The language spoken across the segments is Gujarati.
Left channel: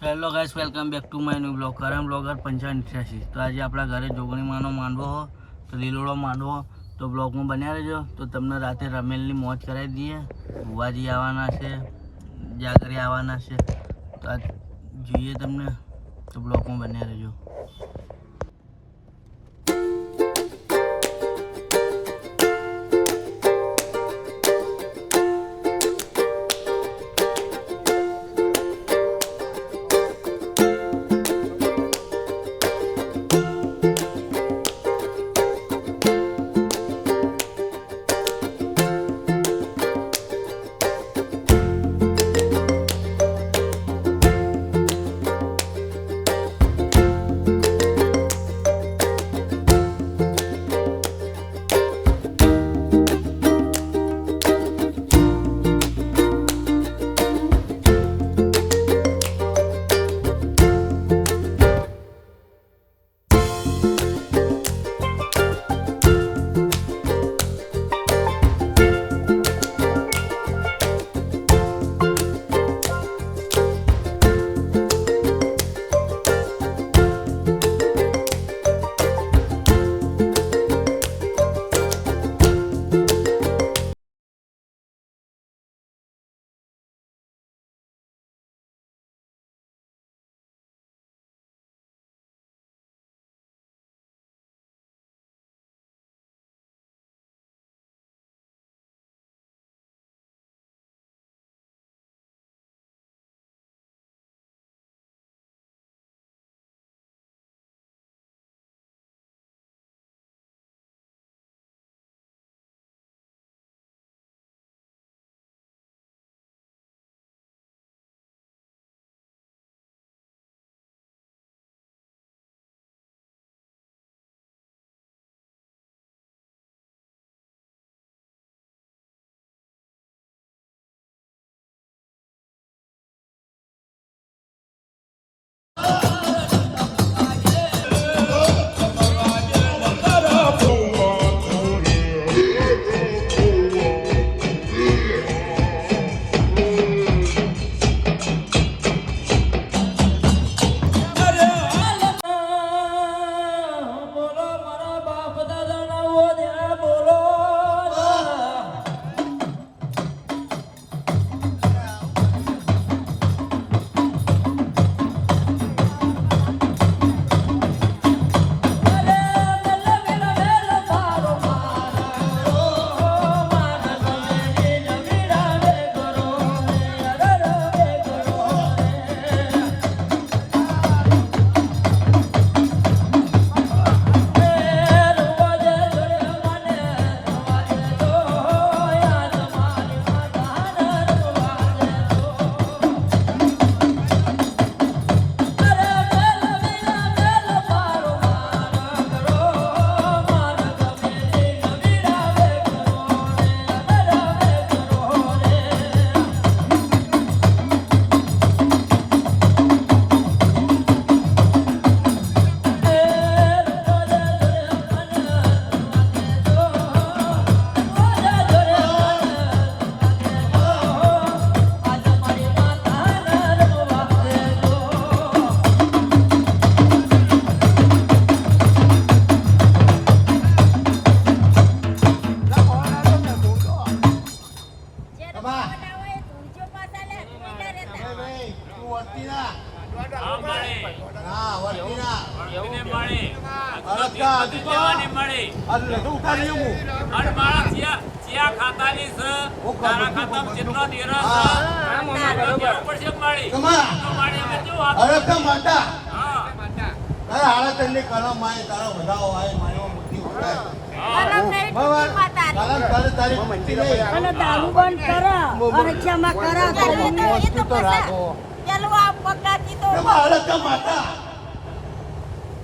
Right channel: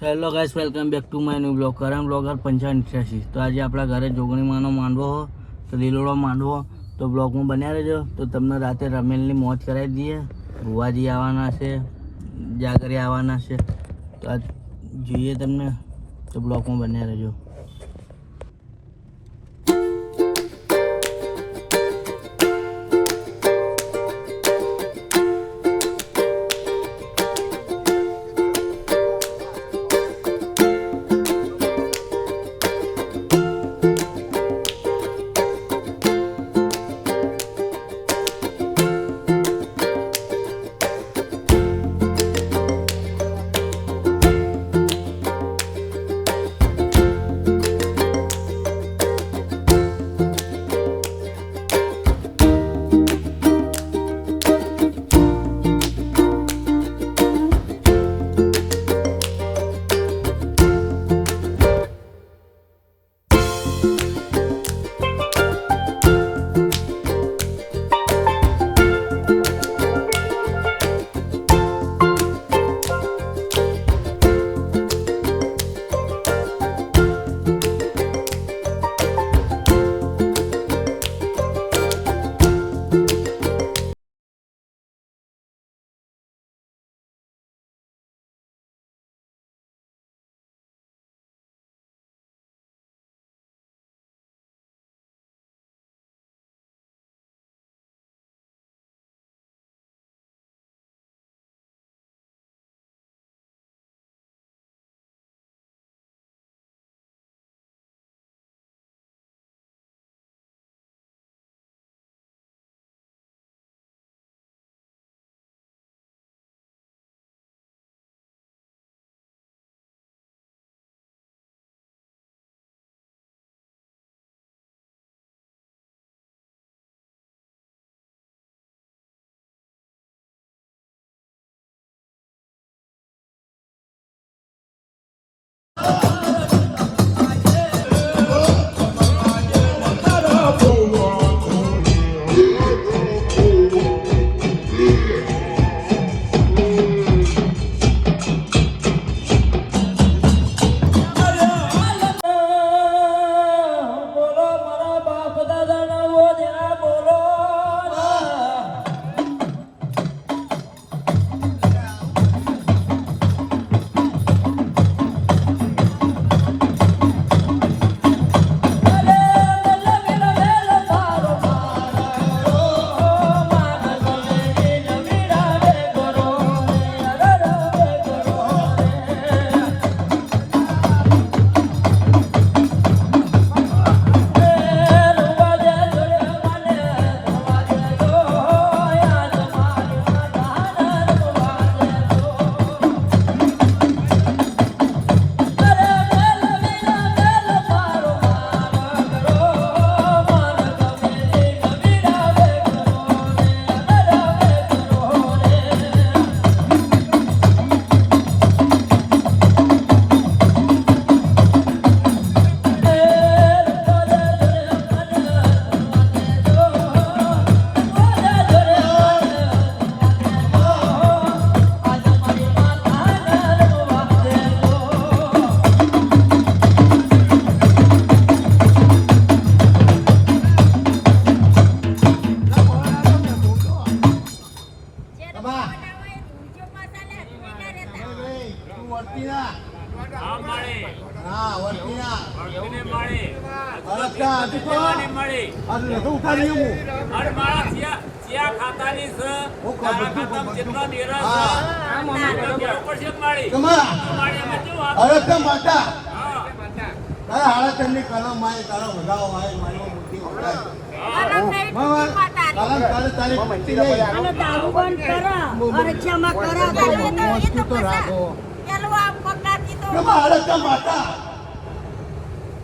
Hello guys, welcome back to my new blog. કરમ બ્લોગર 5588. તો આજે આપણા ઘરે જોગણીમાંનો માંડવો હો, તો લીલોડો માંડવો, તો બ્લોગમાં બન્યા રહેજો. તો તમને રાતે રમેલની મોજ કરાવી દઈએ. ભુવાજી આવવાના છે, જાગરી આવવાના છે, તો આ જોઈએ તમને, તો બ્લોગમાં બન્યા રહેજો.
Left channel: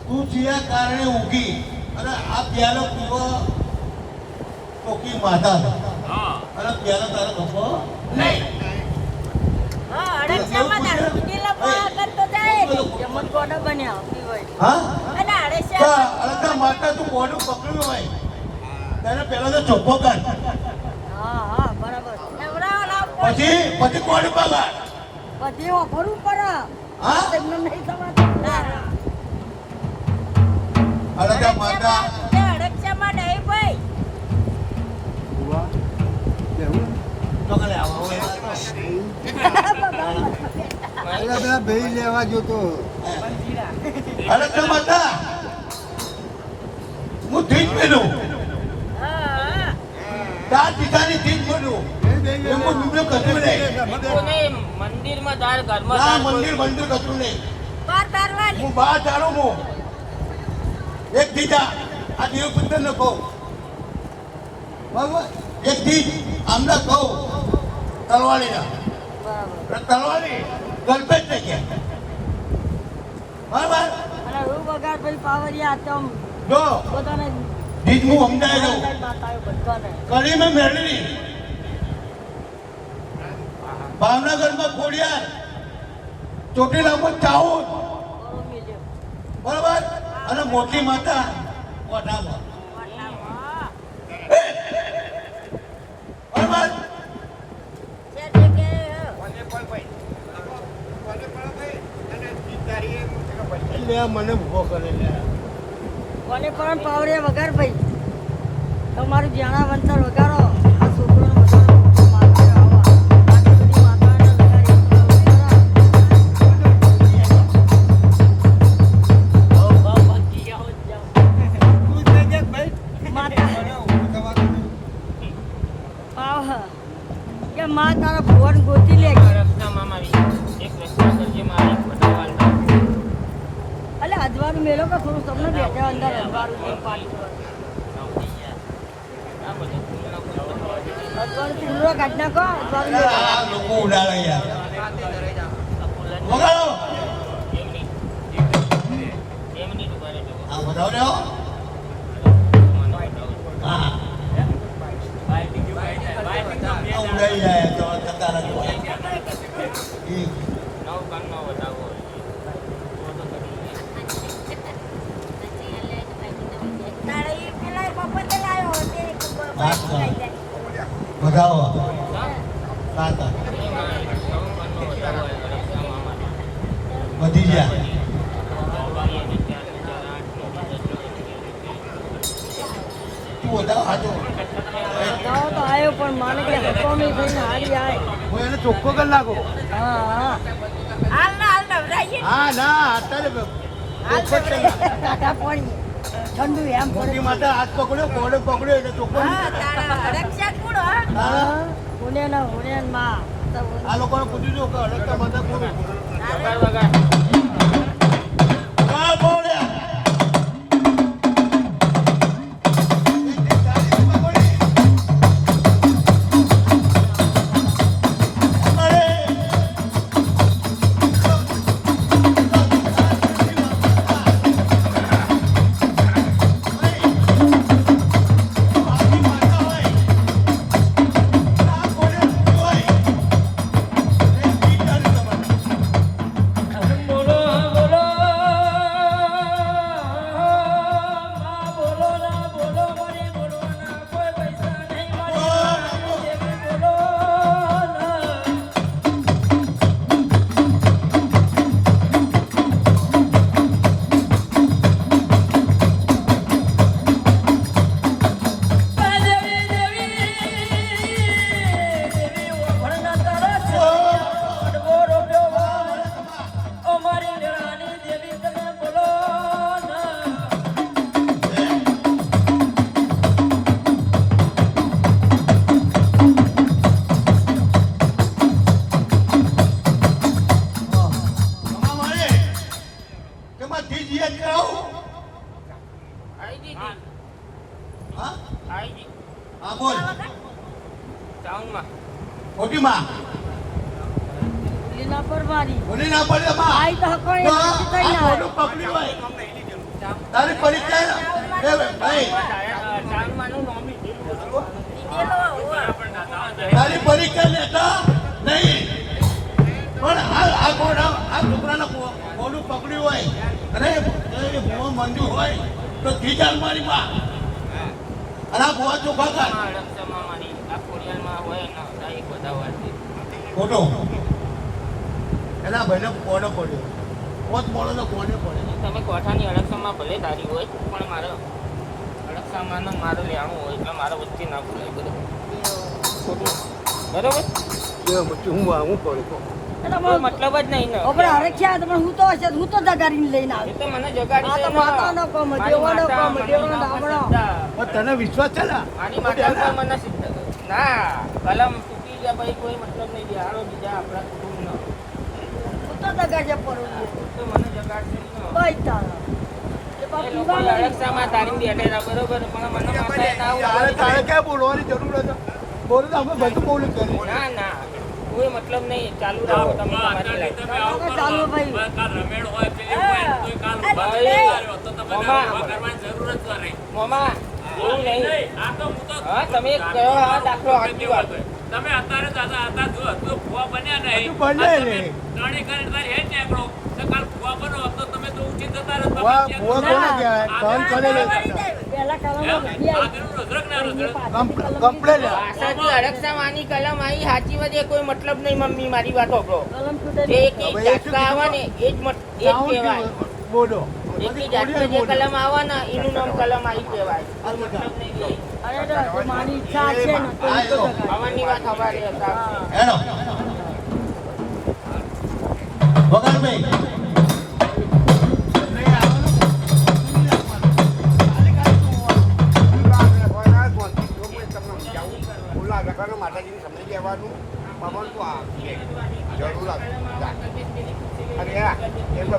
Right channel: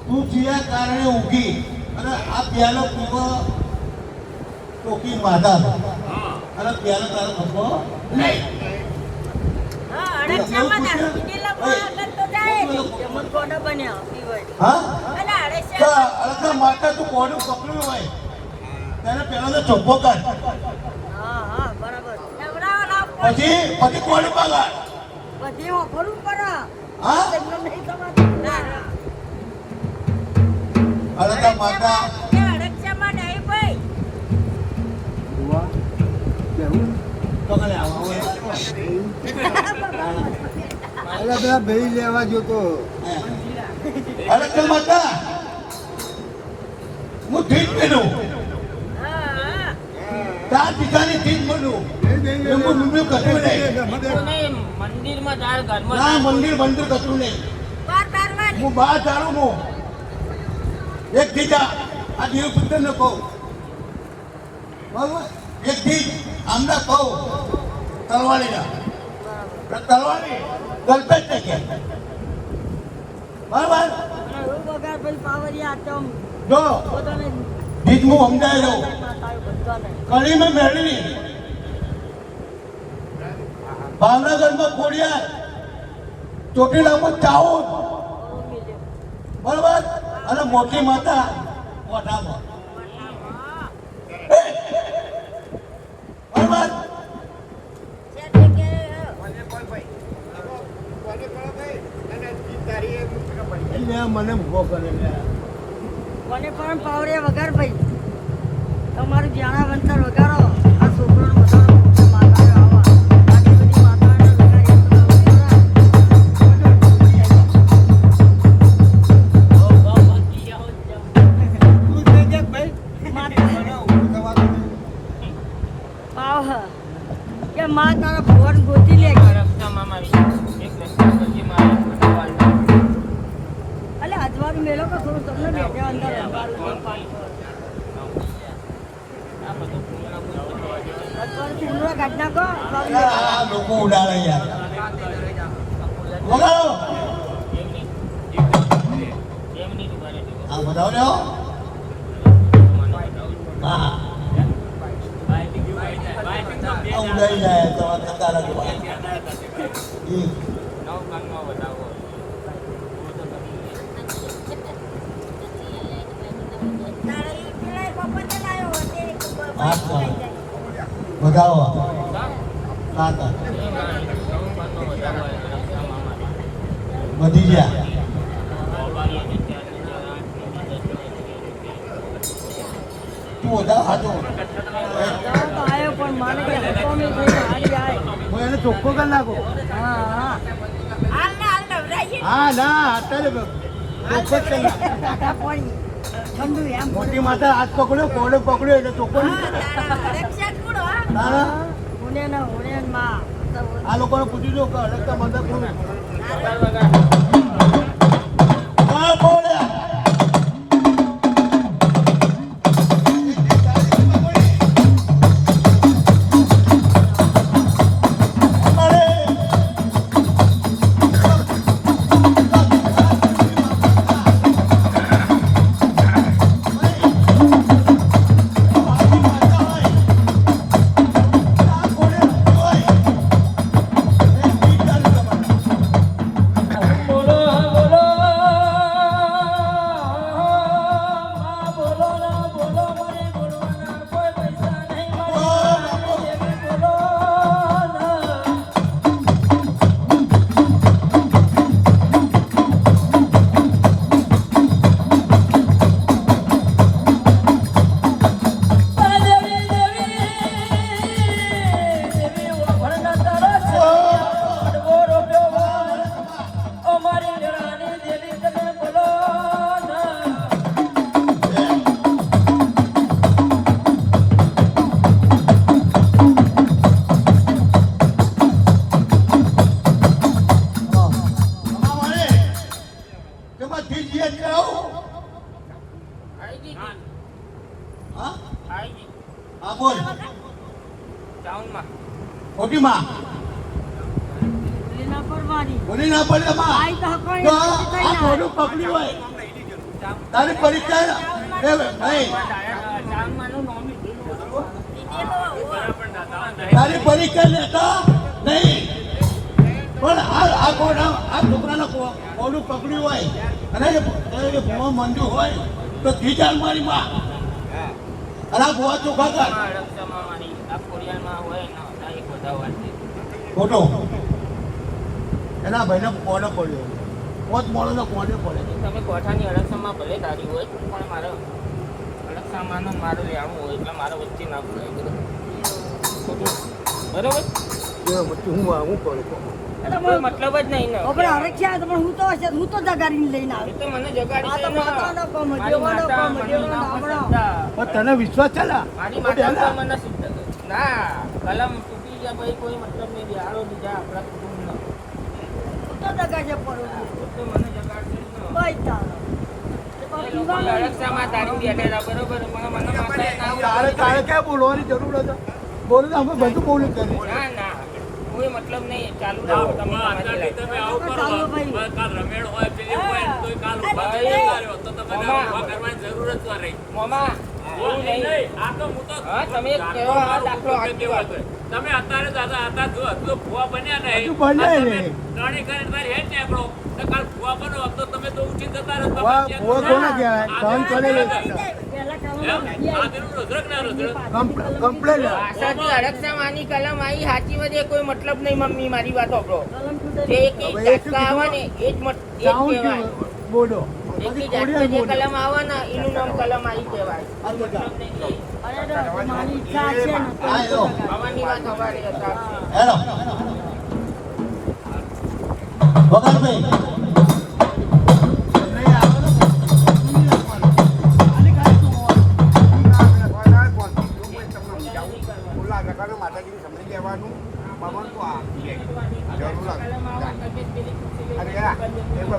તું જીયા કારણે ઊંઘી અને આ પ્યાલો પીવો ટોકી માતા અને પ્યાલો તારો ખપો નહીં. માતા તું કોડું પકડ્યું હોય તેને પેલા તો ચોખ્ખો કર, પછી કોડું પકડ, પછી હા અડધા માતા તો કલે આવો પેલા ભાઈ લેવા જોતો અડધા માતા હું ઠીક મેલું તાર પિતાની ઠીક મેલું એમ હું નિમણું કશું નહીં મંદિરમાં તાર ના ઘરમાં મંદિર કશું નહીં હું બહાર ચાલું હું એક દીધા આ દેવ પુત્ર ને કહું બરાબર એક દીધ આમને કહું તલવારી ગલપેજ ને કે બરાબર જો દીધ હું સમજાય દઉં કડી મેં મેળવી ભાવનગરમાં ખોડિયાર ચોટીલામાં ચાઉન બરાબર અને મોટી માતા વટામાં બરાબર એટલે મને ઉભો કરે કોને પણ પાવડે વગર ભાઈ તમારું જાણા વંતર વગાડો આ છોકરાનો કે માં તારા ફોન ગોતી લે રસ્તા મામા એક રસ્તા કરજે મારે પટાવાળના અલે અજવાળું મેલો કે થોડું તમને બેઠા અંદર અજવાળું પૂરો કાઢ નાખો આ લોકો ઉડાડે યાર વગાડો આ બતાવો લ્યો હા આ ઉડાઈ જાય તો ધંધા લાગો બતાવો સાત બધી ગયા તું બતાવ હાથો આવ્યો પણ મારે કે હતો નહીં ભાઈ મારી આય હું એને ચોખ્ખો કરી નાખો હા ના અત્યારે ચોખ્ખો જ કરી નાખો. પણ ઠંડુ એમ મોટી માતા હાથ પકડ્યો કોડે પકડ્યો એટલે ચોખ્ખો નહીં તારા હુને માં આ લોકોને પૂછી જો કે અડકતા માતા કોણ હા બોલ્યા હા બોલ મોટી માં લીલા પરવાની બોલી ના પડે માં આઈ તો હકો તો આ મોઢું પકડ્યું હોય તારી પરીક્ષા એ ભાઈ તારી પરીક્ષા લેતા નહીં પણ આ છોકરાના મોઢું પકડ્યું હોય અને એ ભૂવા મંજુ હોય તો ધીજાર મારી માં અને આ ભૂવા ચોખા કર ખોટો એના ભાઈને કોને પડ્યો પોત મોડો કોને પડ્યો તમે કોઠાની અલક્ષામાં ભલે ધારી હોય પણ મારે અલક્ષામાં મારે લેવાનું હોય એટલે મારે વચ્ચે ના ભૂલાય બધું ખોટું બરોબર પછી હું પડ્યો કોઈ મતલબ જ નહીં ને આપણે હરખ્યા તો પણ હું તો જગાડીને લઈને એ આવ્યો તો મને જગાડી આ તો છે માતાનો કોમ, મારી દેવાનો માતા કોમ, મને દેવાનો એના ઉપર આપણો. શ્રદ્ધા. તને વિશ્વાસ છે ને મારી માતા ઉપર મને સિદ્ધ ના કલમ તૂટી ગયા પછી કોઈ મતલબ નહીં બિહારો બીજા આપણા કુટુંબનો હું તો જગાડે પડું તો મને જગાડશે નહીં. ભાઈ તારા એ બાપ પીવાનો નહીં. અલક્ષામાં તારી બેઠેલા બરોબર મને માતા ના તારે તારે ક્યાં બોલવાની જરૂર હતી બોલું તો અમે બધું બોલું કરી ના ના કોઈ મતલબ નહીં ચાલુ રાખો તમે અત્યારે તમે આવું કરો ચાલો ભાઈ. બસ કાલ રમેણ હોય પેલી હોય ને તોય કાલ ઊભા થઈ જતા રહ્યો તો તમને ઊભા કરવાની જરૂર જ ન રહી. મામા બોલ નહીં, નહીં. આ તો હું તો હા, તમે એક કયો આ દાખલો ગમે તેવો હતો. તમે અત્યારે દાદા હતા જો ભૂવા બન્યા નહીં હજુ બન્યા આ તમે નહીં. ત્રણેય કરીને તારી હેડ નીકળો તો કાલ ભૂવા બનો તો તમે તો ઊંચી જતા રહો. ભૂવા કોને કહેવાય? સહન કરેલું. પહેલા એમ? કાળમાં આગળનું રુદ્રક ના રુદ્રક. કમ્પ્લેટ આશાથી અરક્ષાવાની કલમ આવી સાચી વાત એ કોઈ મતલબ નહીં મમ્મી મારી વાત ઓકળો કલમ તૂટે જે એક હવે એ શું જાતકા આવે ને એ જ સાઉન્ડ કહેવાય બોલો એક પછી જાતકે કોડિયા જે બોલો કલમ આવે ને એનું નામ કલમ આવી કહેવાય આ જગા. અરે તો મારી ઈચ્છા છે ને તો હું તો જગાડીશ. આવવાની વાત ખબર હતા હેલો વગરભાઈ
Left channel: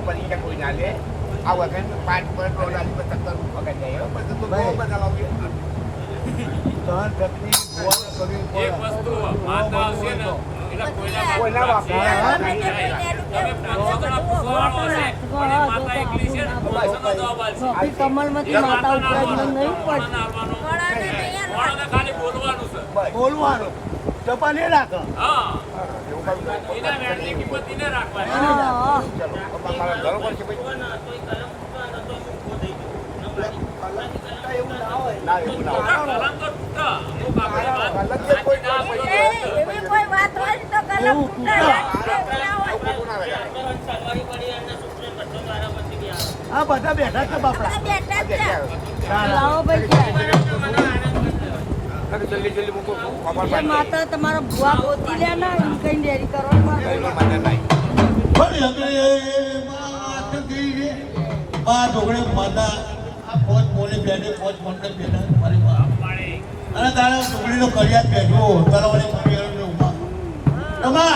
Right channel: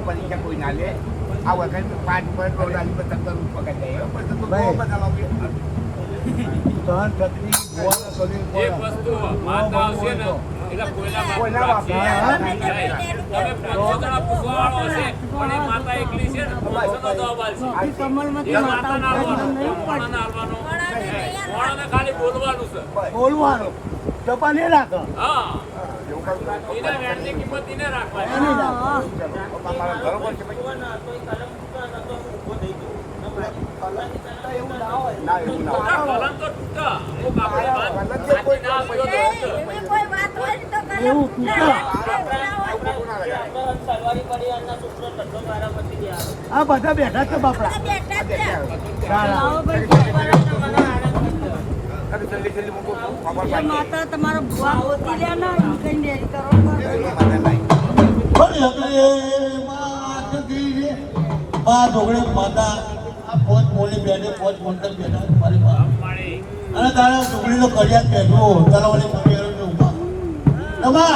પરીક્ષા કોઈ ના લે આ વખત 5 સહન શક્તિ ભૂવાને કરવી એક પડે. વસ્તુ માતા આવશે ને એટલે કોઈના કોઈના બાપ બાપ લાગશે. તમે 500 જણા પૂછવાવાળો હશે પણ એ માતા એકલી છે ને 500 નો જવાબ આલશે. ઈ કમલમાંથી એ માતા માતાને ઉઠાડીને હાલવાનો, નહીં મોણાને હાલવાનો. મોણાને ખાલી બોલવાનું છે. બોલવાનું ચપા નહીં રાખો હા એના વેણની કિંમત એને રાખવાની. નહીં રાખો. ના એવું ના હોય. કલમ તો તૂટે. અમુક આપણી વાત સાચી ના હોય તો એવી કોઈ વાત હોય ને તો કલમ એવું તૂટે. સલવારી પડી અને સુપ્રત બધો મારા પછી બી આવે આ બધા બેઠા છે બાપડા બેઠા જ છે. સારા. આવો ભાઈ મને આનંદ થયો. અરે જલ્દી જલ્દી મૂકો ખબર એ પાડી માતા તમારા ભુવા ગોતી લે ને ઈ કઈ ડેરી કરવા માતા નહીં માતા આ ફોજ બોલી બેઠે ફોજ મોટે બેઠા તમારી માં પાણી. અને તારા ડુંગળીનો કરિયાત બેઠો તલાવણી પગેરો ઉભા તમા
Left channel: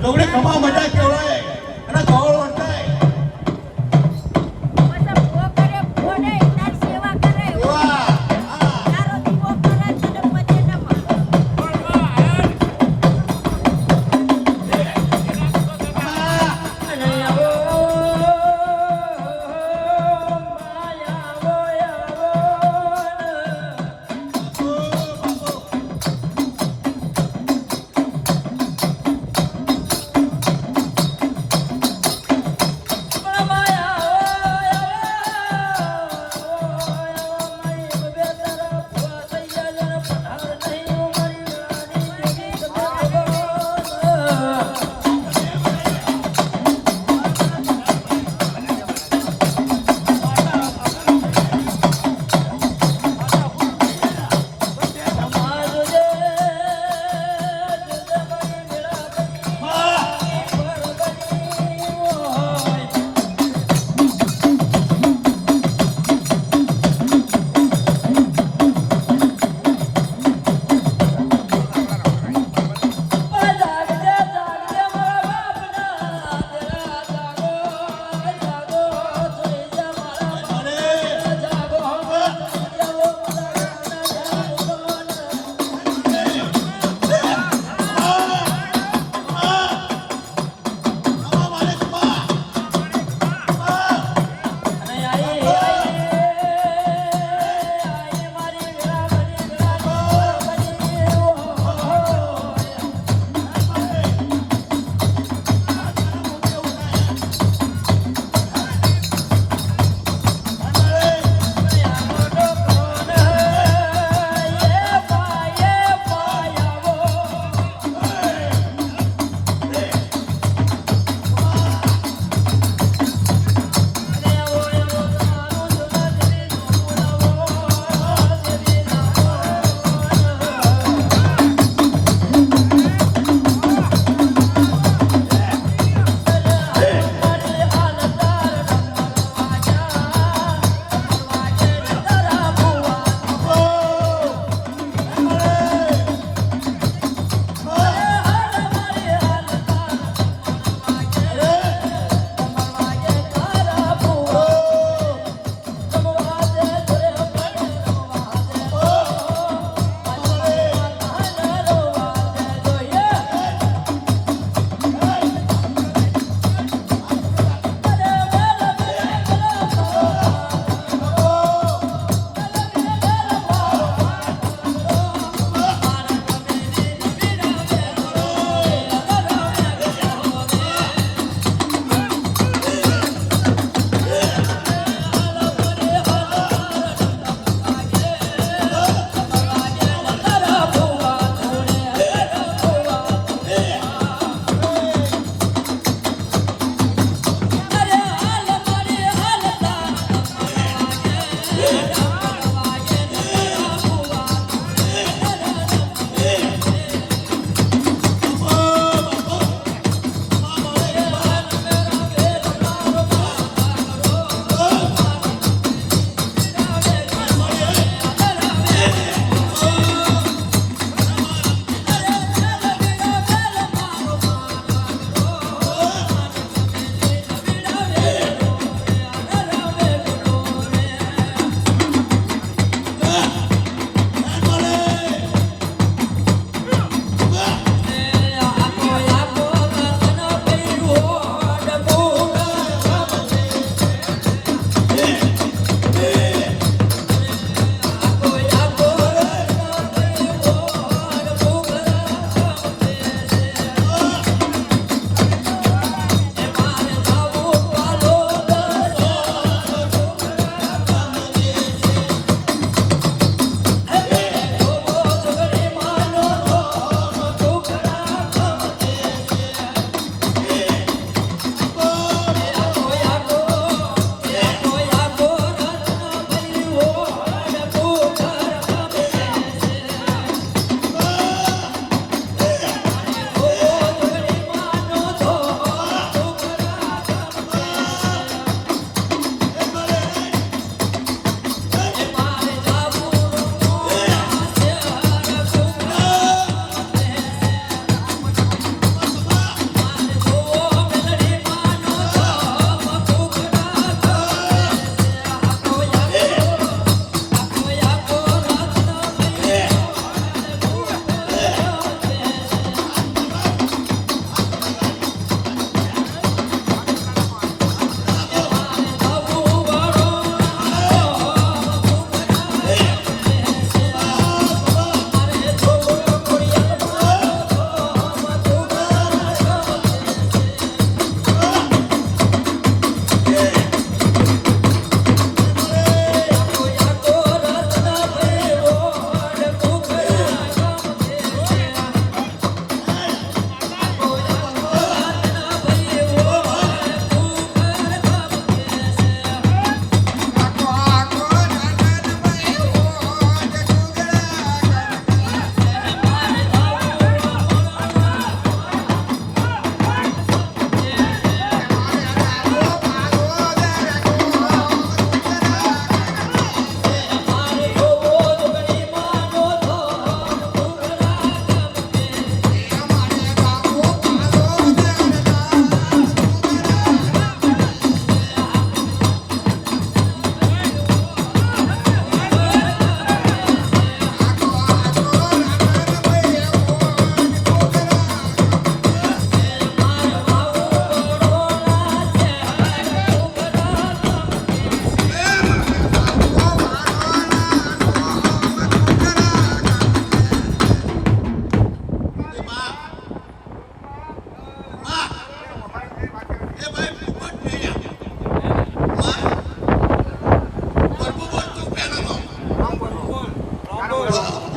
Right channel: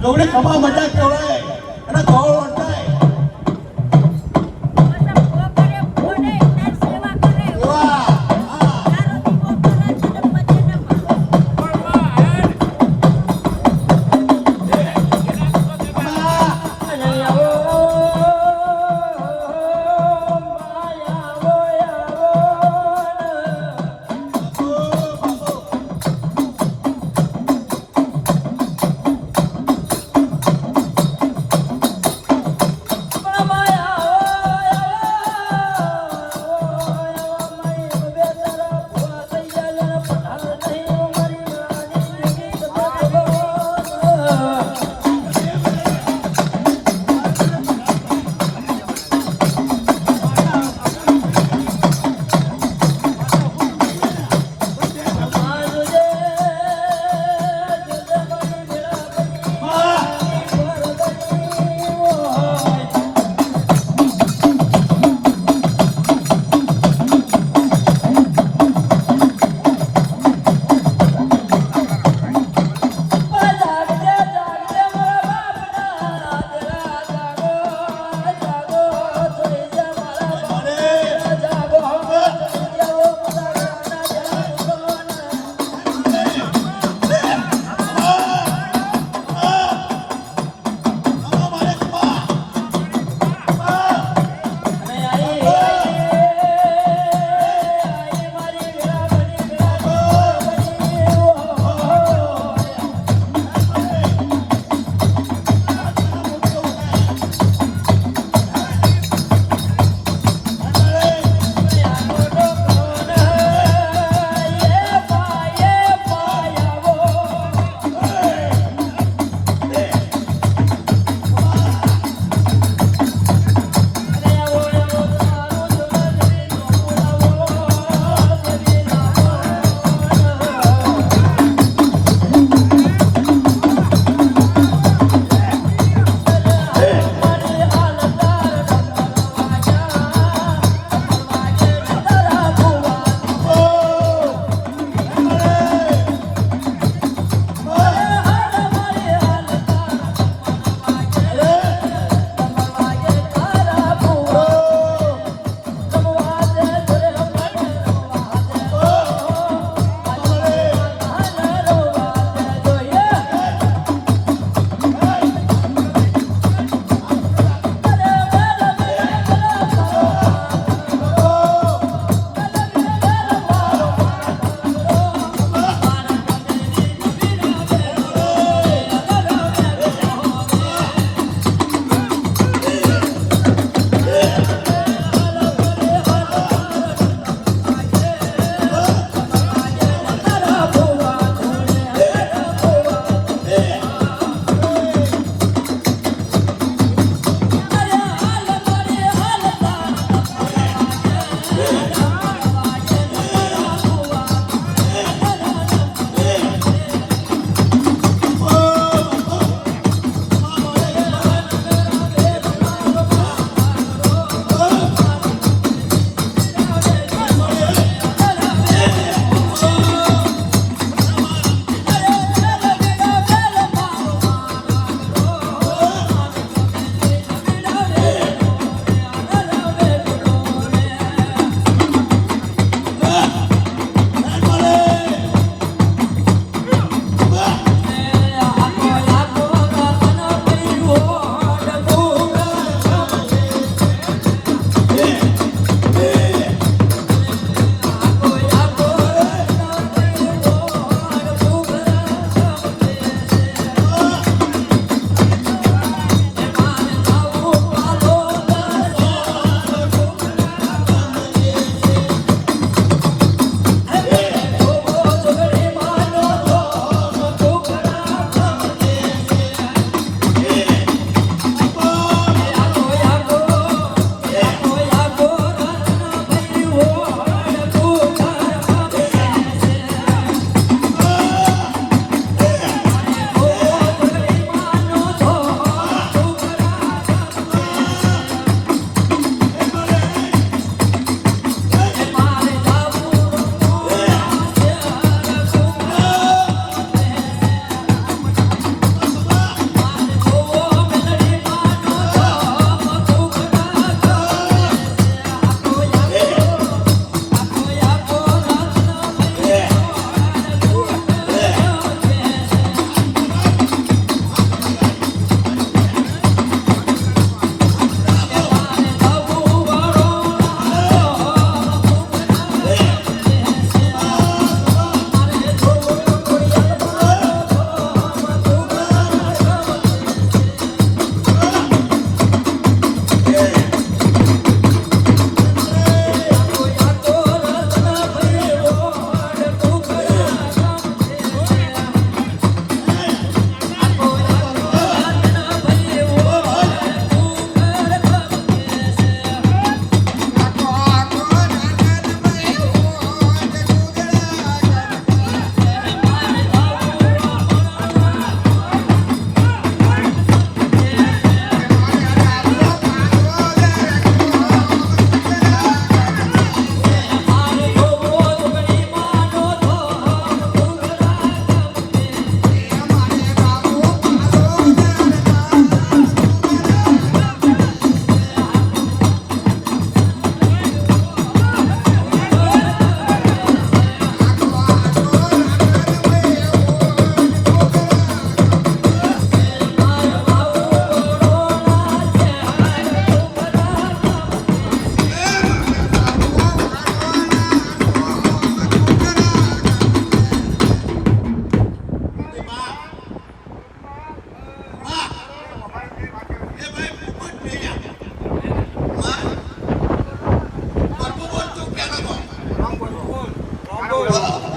ડુંગળી ખમા મજા કેવડાય અને ગોળ વળતાય એવા હા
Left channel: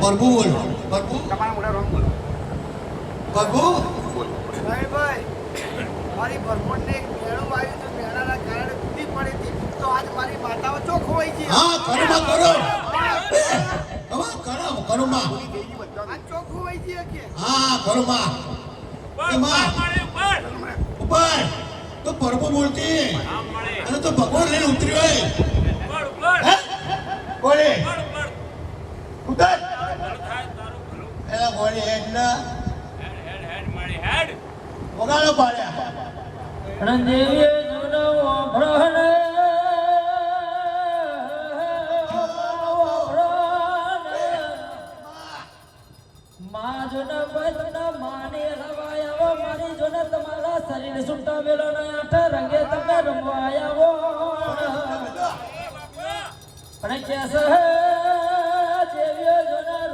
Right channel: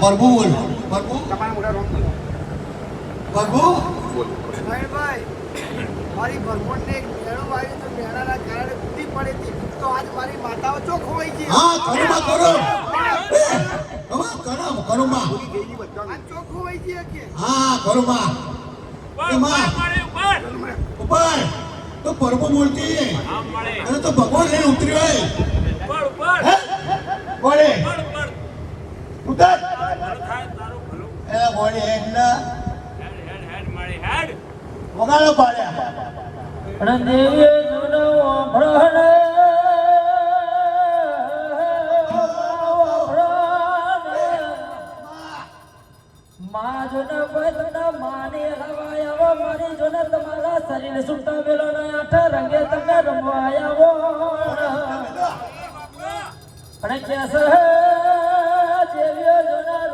પ્રભુ બોલ પ્રભુ પ્રભુ ભાઈ મારી ભરમોટને એક મેળો આવ્યો તો મેળાના કારણે તૂટી પડી હતી તો આજ મારી માતાઓ ચોક ખોવાઈ ગઈ હા કરુમા કરો હવે કરુમા આજ ચોક ખોવાઈ ગઈ કે હા કરુમા એમાં ઉપર તો પ્રભુ બોલતી અને તો ભગવાન લઈને ઉતર્યો હે બોલે ઉતર એલા બોલે હેડ ના વગાડો પાડ્યા શરીર સુટા મેલો આઠ રંગે તમે રમવાયાવો અને કેસ દેવ્યો જોના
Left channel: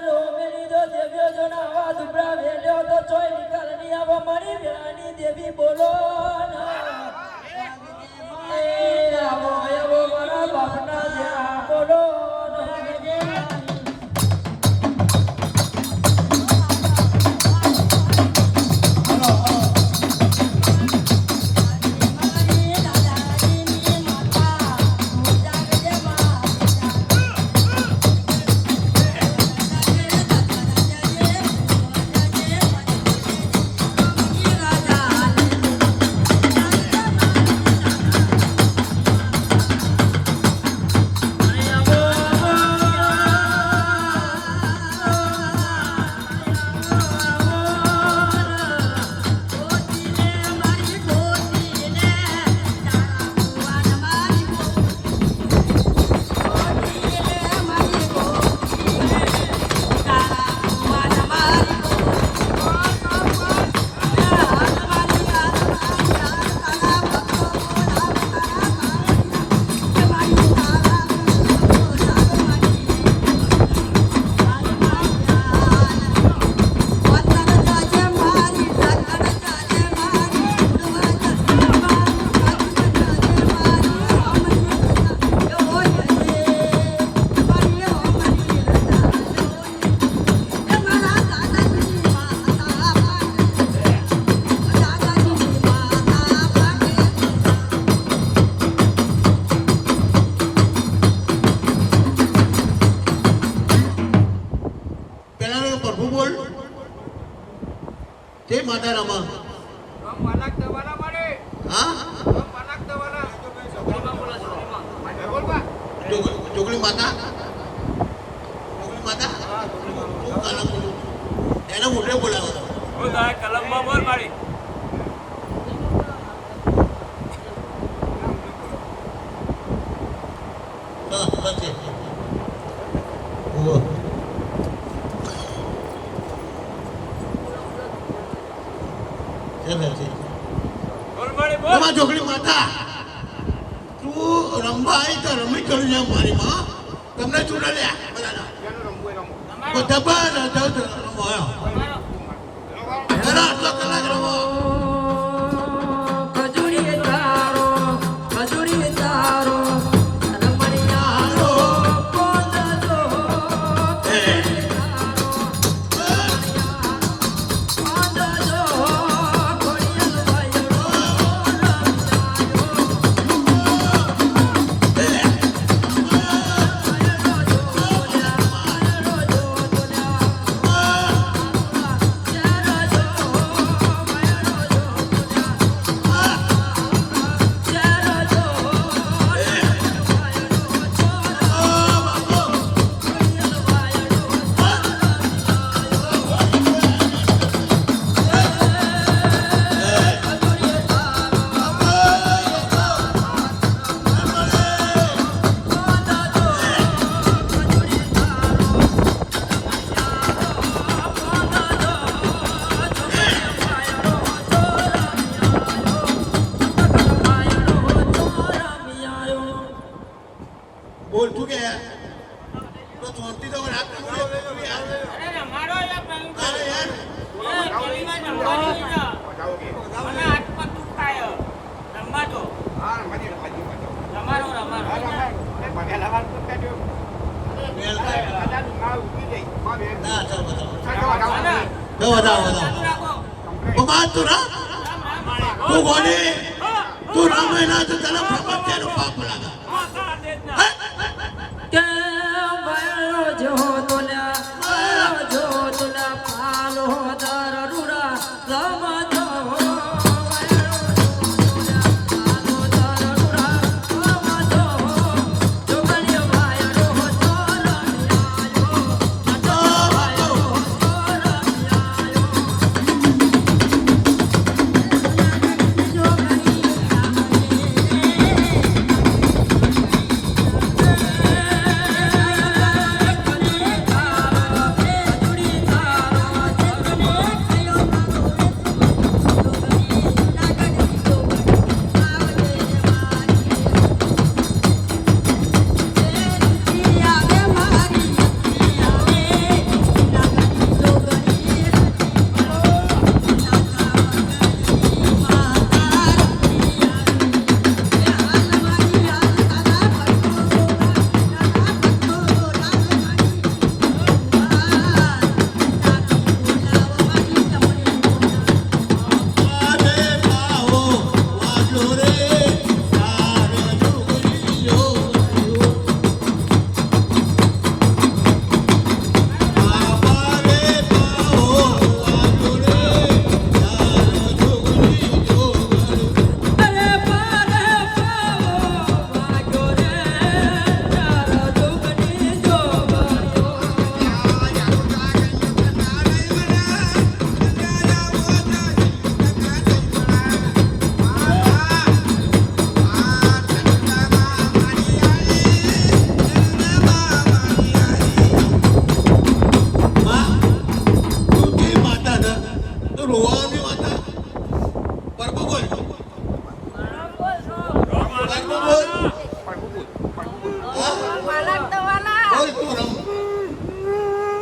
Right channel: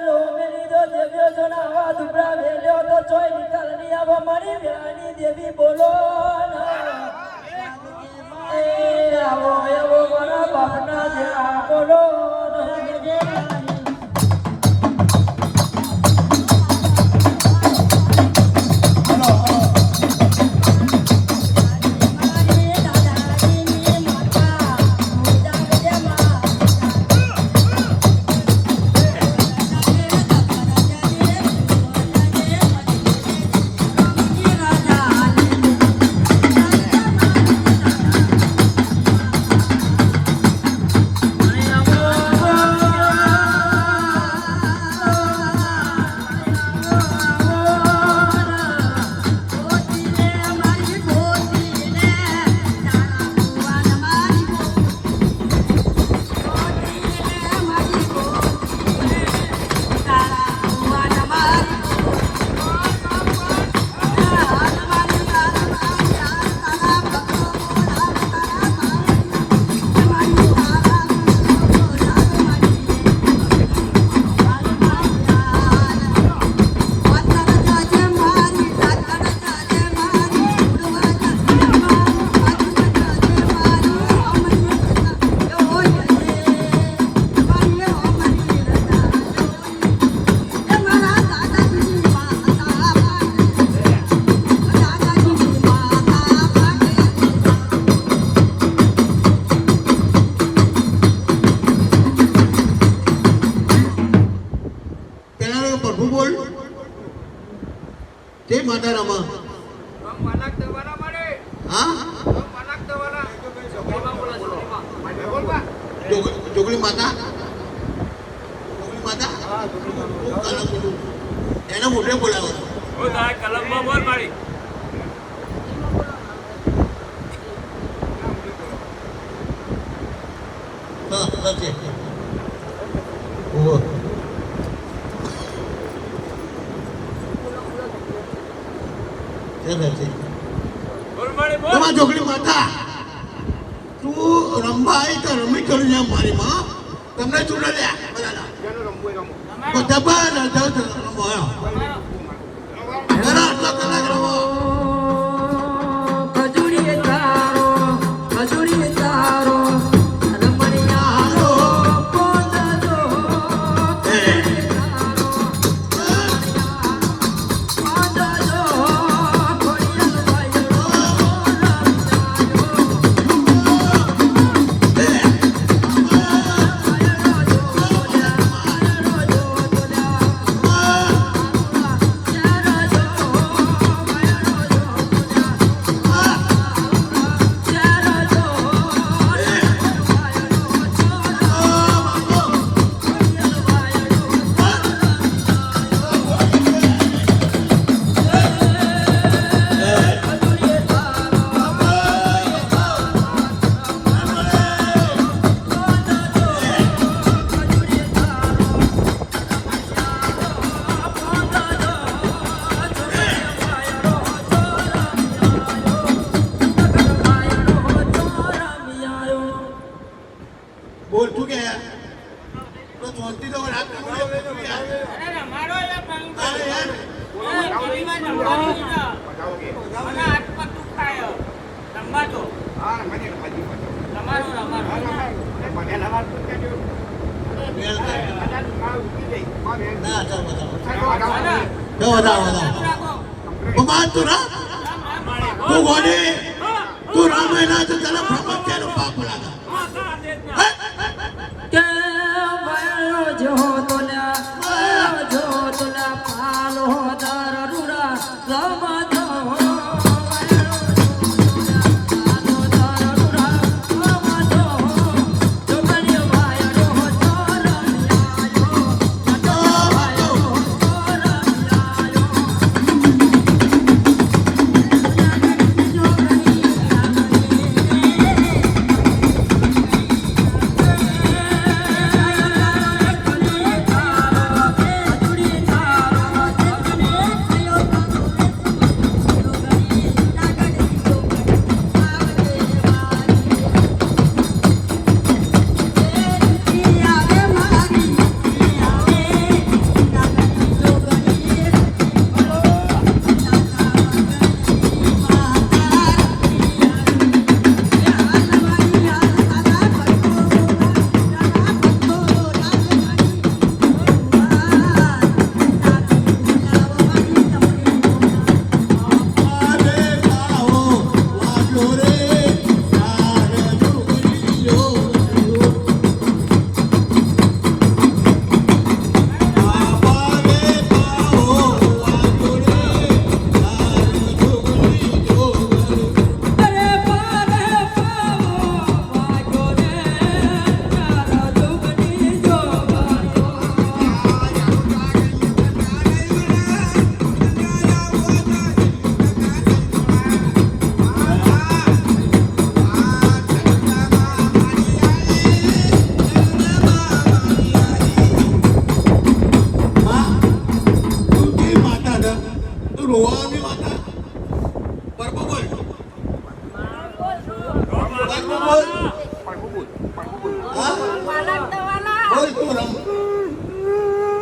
રો મેલી દો દેવ્યો જોના આવા દુબરા વેલ્યો તો ચોય નિકાલ ની આવો મારી વેળાની દેવી બોલો આવો આવો બોલો બાપના દેવા બોલો તે માતા રમા હા જોગણી માતા એને મોઢે બોલાવો કલમમાં બોલ મારી હા છે તમારા જોગણી માતા તું રમવા આવી તો રમી કરી જા મારી માં તમને ચૂડા લે બધા આટલો કલાક રમો બોલ તું કે તો જોંતી તો રાત અરે રમાડો યાર મેલ કરે. ના, ચાલ બતાવો. જો બતાવો. ઉમા, તું રામ? તું ગોડી? તું રામાયણ તો તને ભગત છે એનું પાપ લાગે. કે બહેનો જો તોલા પાલો દરુડા રમતો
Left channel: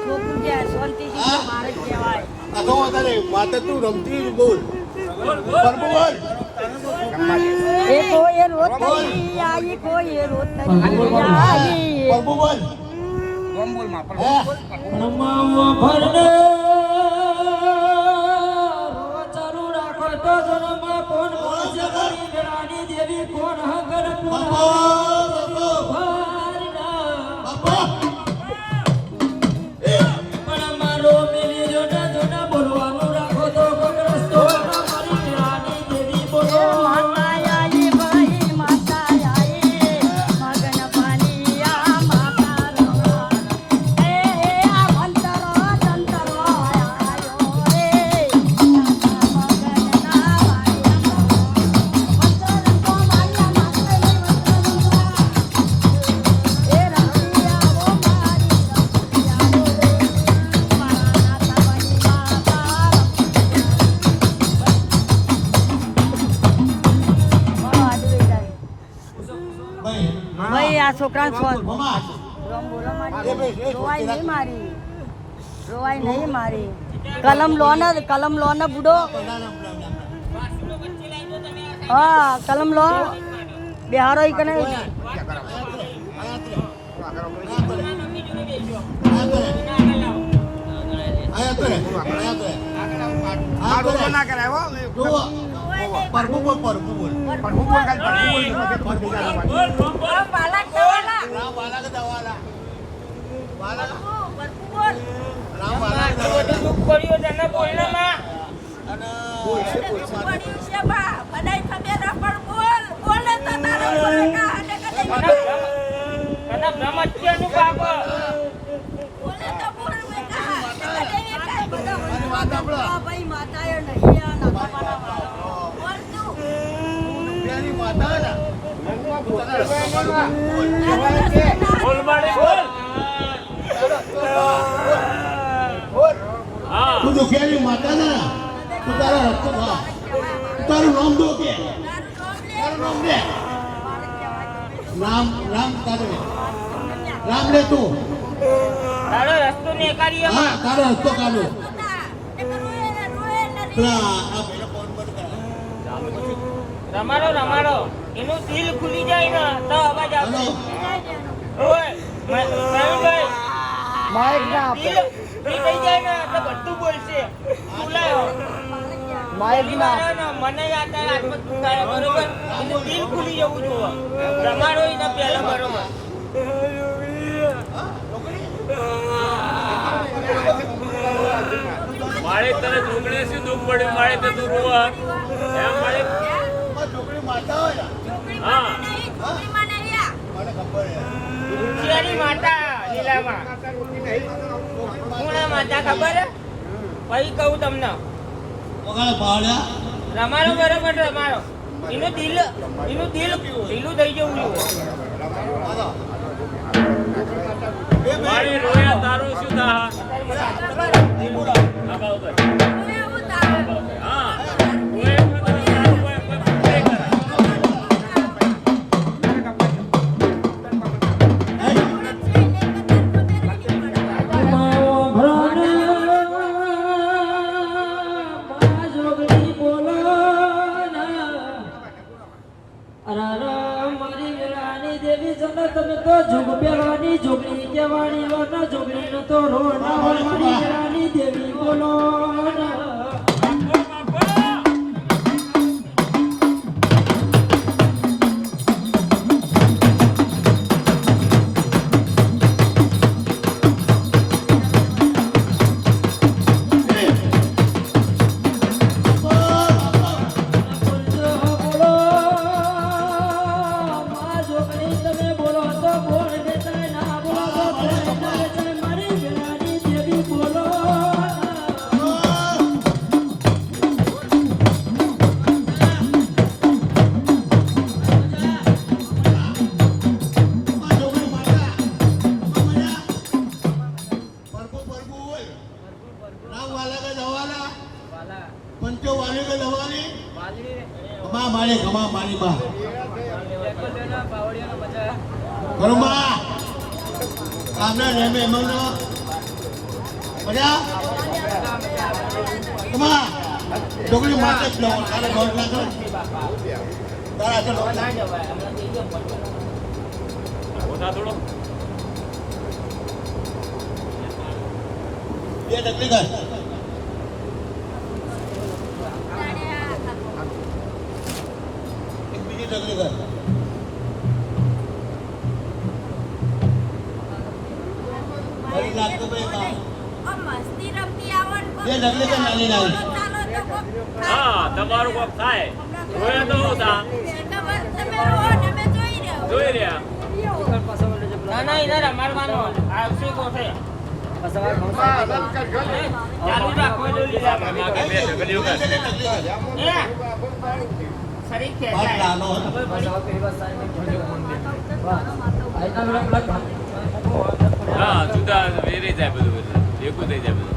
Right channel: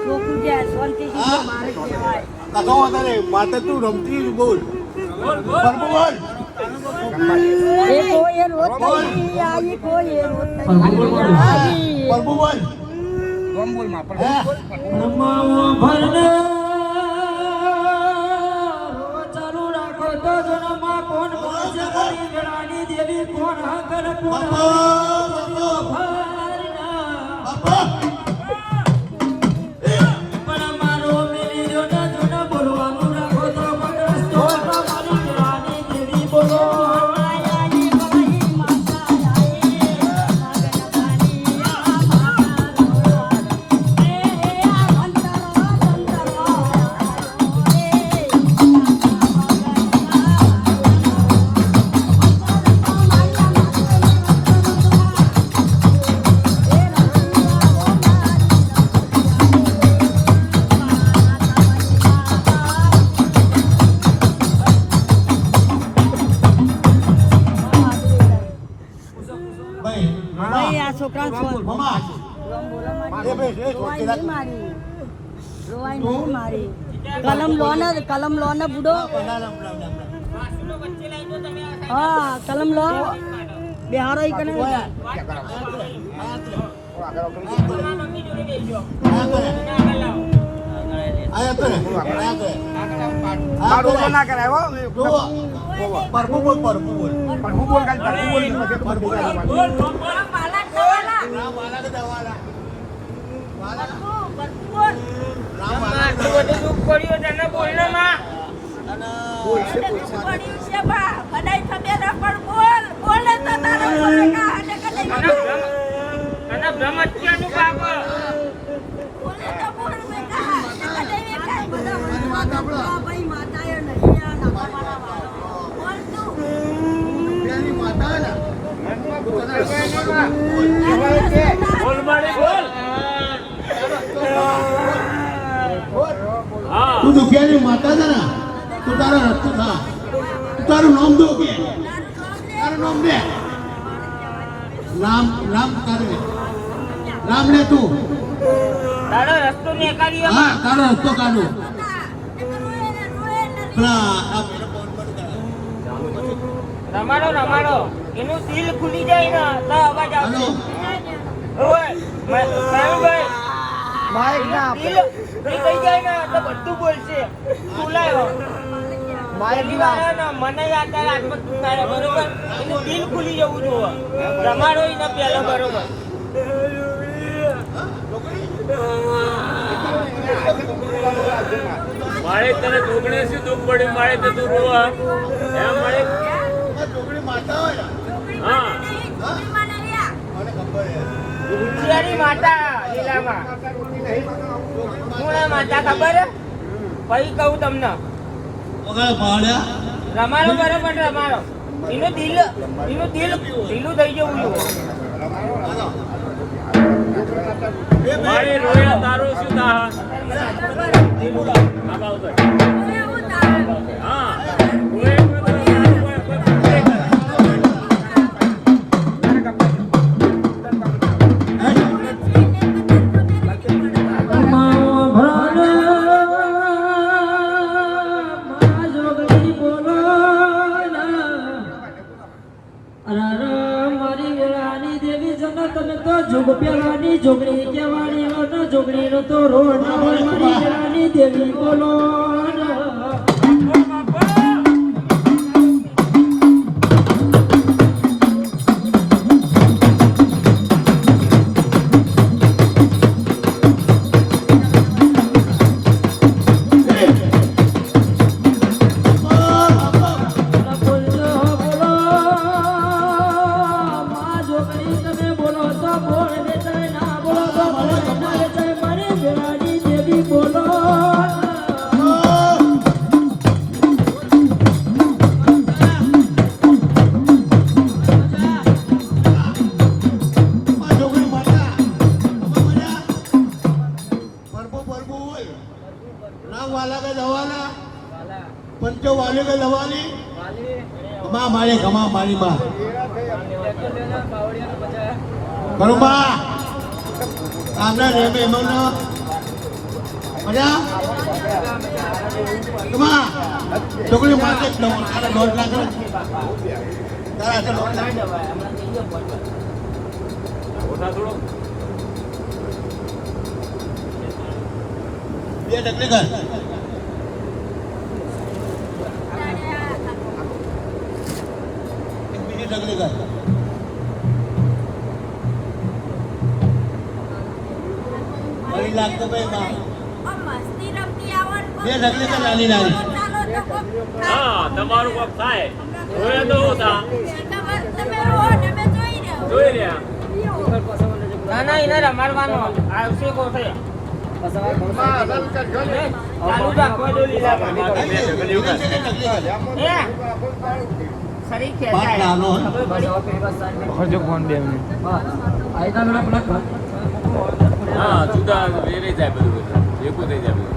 છોકરું જે શાંતિથી મારે કહેવાય. માતા તું રમતી બોલ. એ કોઈ રોતરી આવી, કોઈ રોતરી આવી. ચાલુ રાખો તો જન્મમાં કોણ કોણ છે મારી વેળાની દેવી કોણ હકર કોણ પણ મારો મિલી જોડે જોડે બોલવાનું રાખો તો કોઈ રસ્તો મારી વેળાની દેવી બોલો માયાઈ ભાઈ માતા આયે, મગન પાનિયા માતા રોવા. એ આ અંતરો ભાઈ આ છોકરા રોવાય નહીં મારી, રોવાય નહીં મારી. કલમ લો ને બુડો. હા કલમ લો, બિહારો ઈ કને ભાઈ માતા એ નહીં આ નાખવાના બોલ તું દુખિયાની માતા છે ને, તું તારા રસ્તો થા. તારું નામ દો કે તારું નામ દે. રામ તારું રામ લે તું. હા તારો રસ્તો કાઢો. રમાડો એનું દિલ ખુલી જાય ને તો અવાજ આવશે. ભાઈ માઇક ના આપે દિલ થઈ જાય ને એટલે બધું બોલશે બોલાયો માઇક ના આપે. મને યાદ આવે આત્મા દુખાયા બરોબર એટલે દિલ ખુલી જવું જોવે રમાડો એને પહેલો બરોબર મારે તને છોકરી શું દુઃખ પડ્યું મારે તે તું રોવા એમ મારે છોકરી માતા હોય હા શિયાળી માતા લીલામાં કોણ માતા ખબર પછી કહું તમને વગાડે ભાડ્યા રમાડો બરોબર રમાડો એનું દિલ ઢીલું થઈ જવું જોઈએ મારે રોયા તારું શું થા હા રોયા તો તારું કોઈ પૂછે કરા જોગણી કેવાડી લો ના જોગણી નો તો રોડ ના મારી વેળાની દેવી બોલો पंचो वाले के दवाली घमा मारी बा बरुबा आना रे में मगना मजा घमा छोकरी मार्केट लो आना डोर ना कर जरा चलो होता थोड़ो ये डकली कर डगली कर बड़ी लाख को पे ये डगली कर लाली હા તમારું કોક થાય રોયા તો હું થા જોઈ રહ્યા ના ના એને રમાડવાનો આવશે કોસે बात डालो હા જુદા વેરી જાય બધું એકું થઈ જાય બધું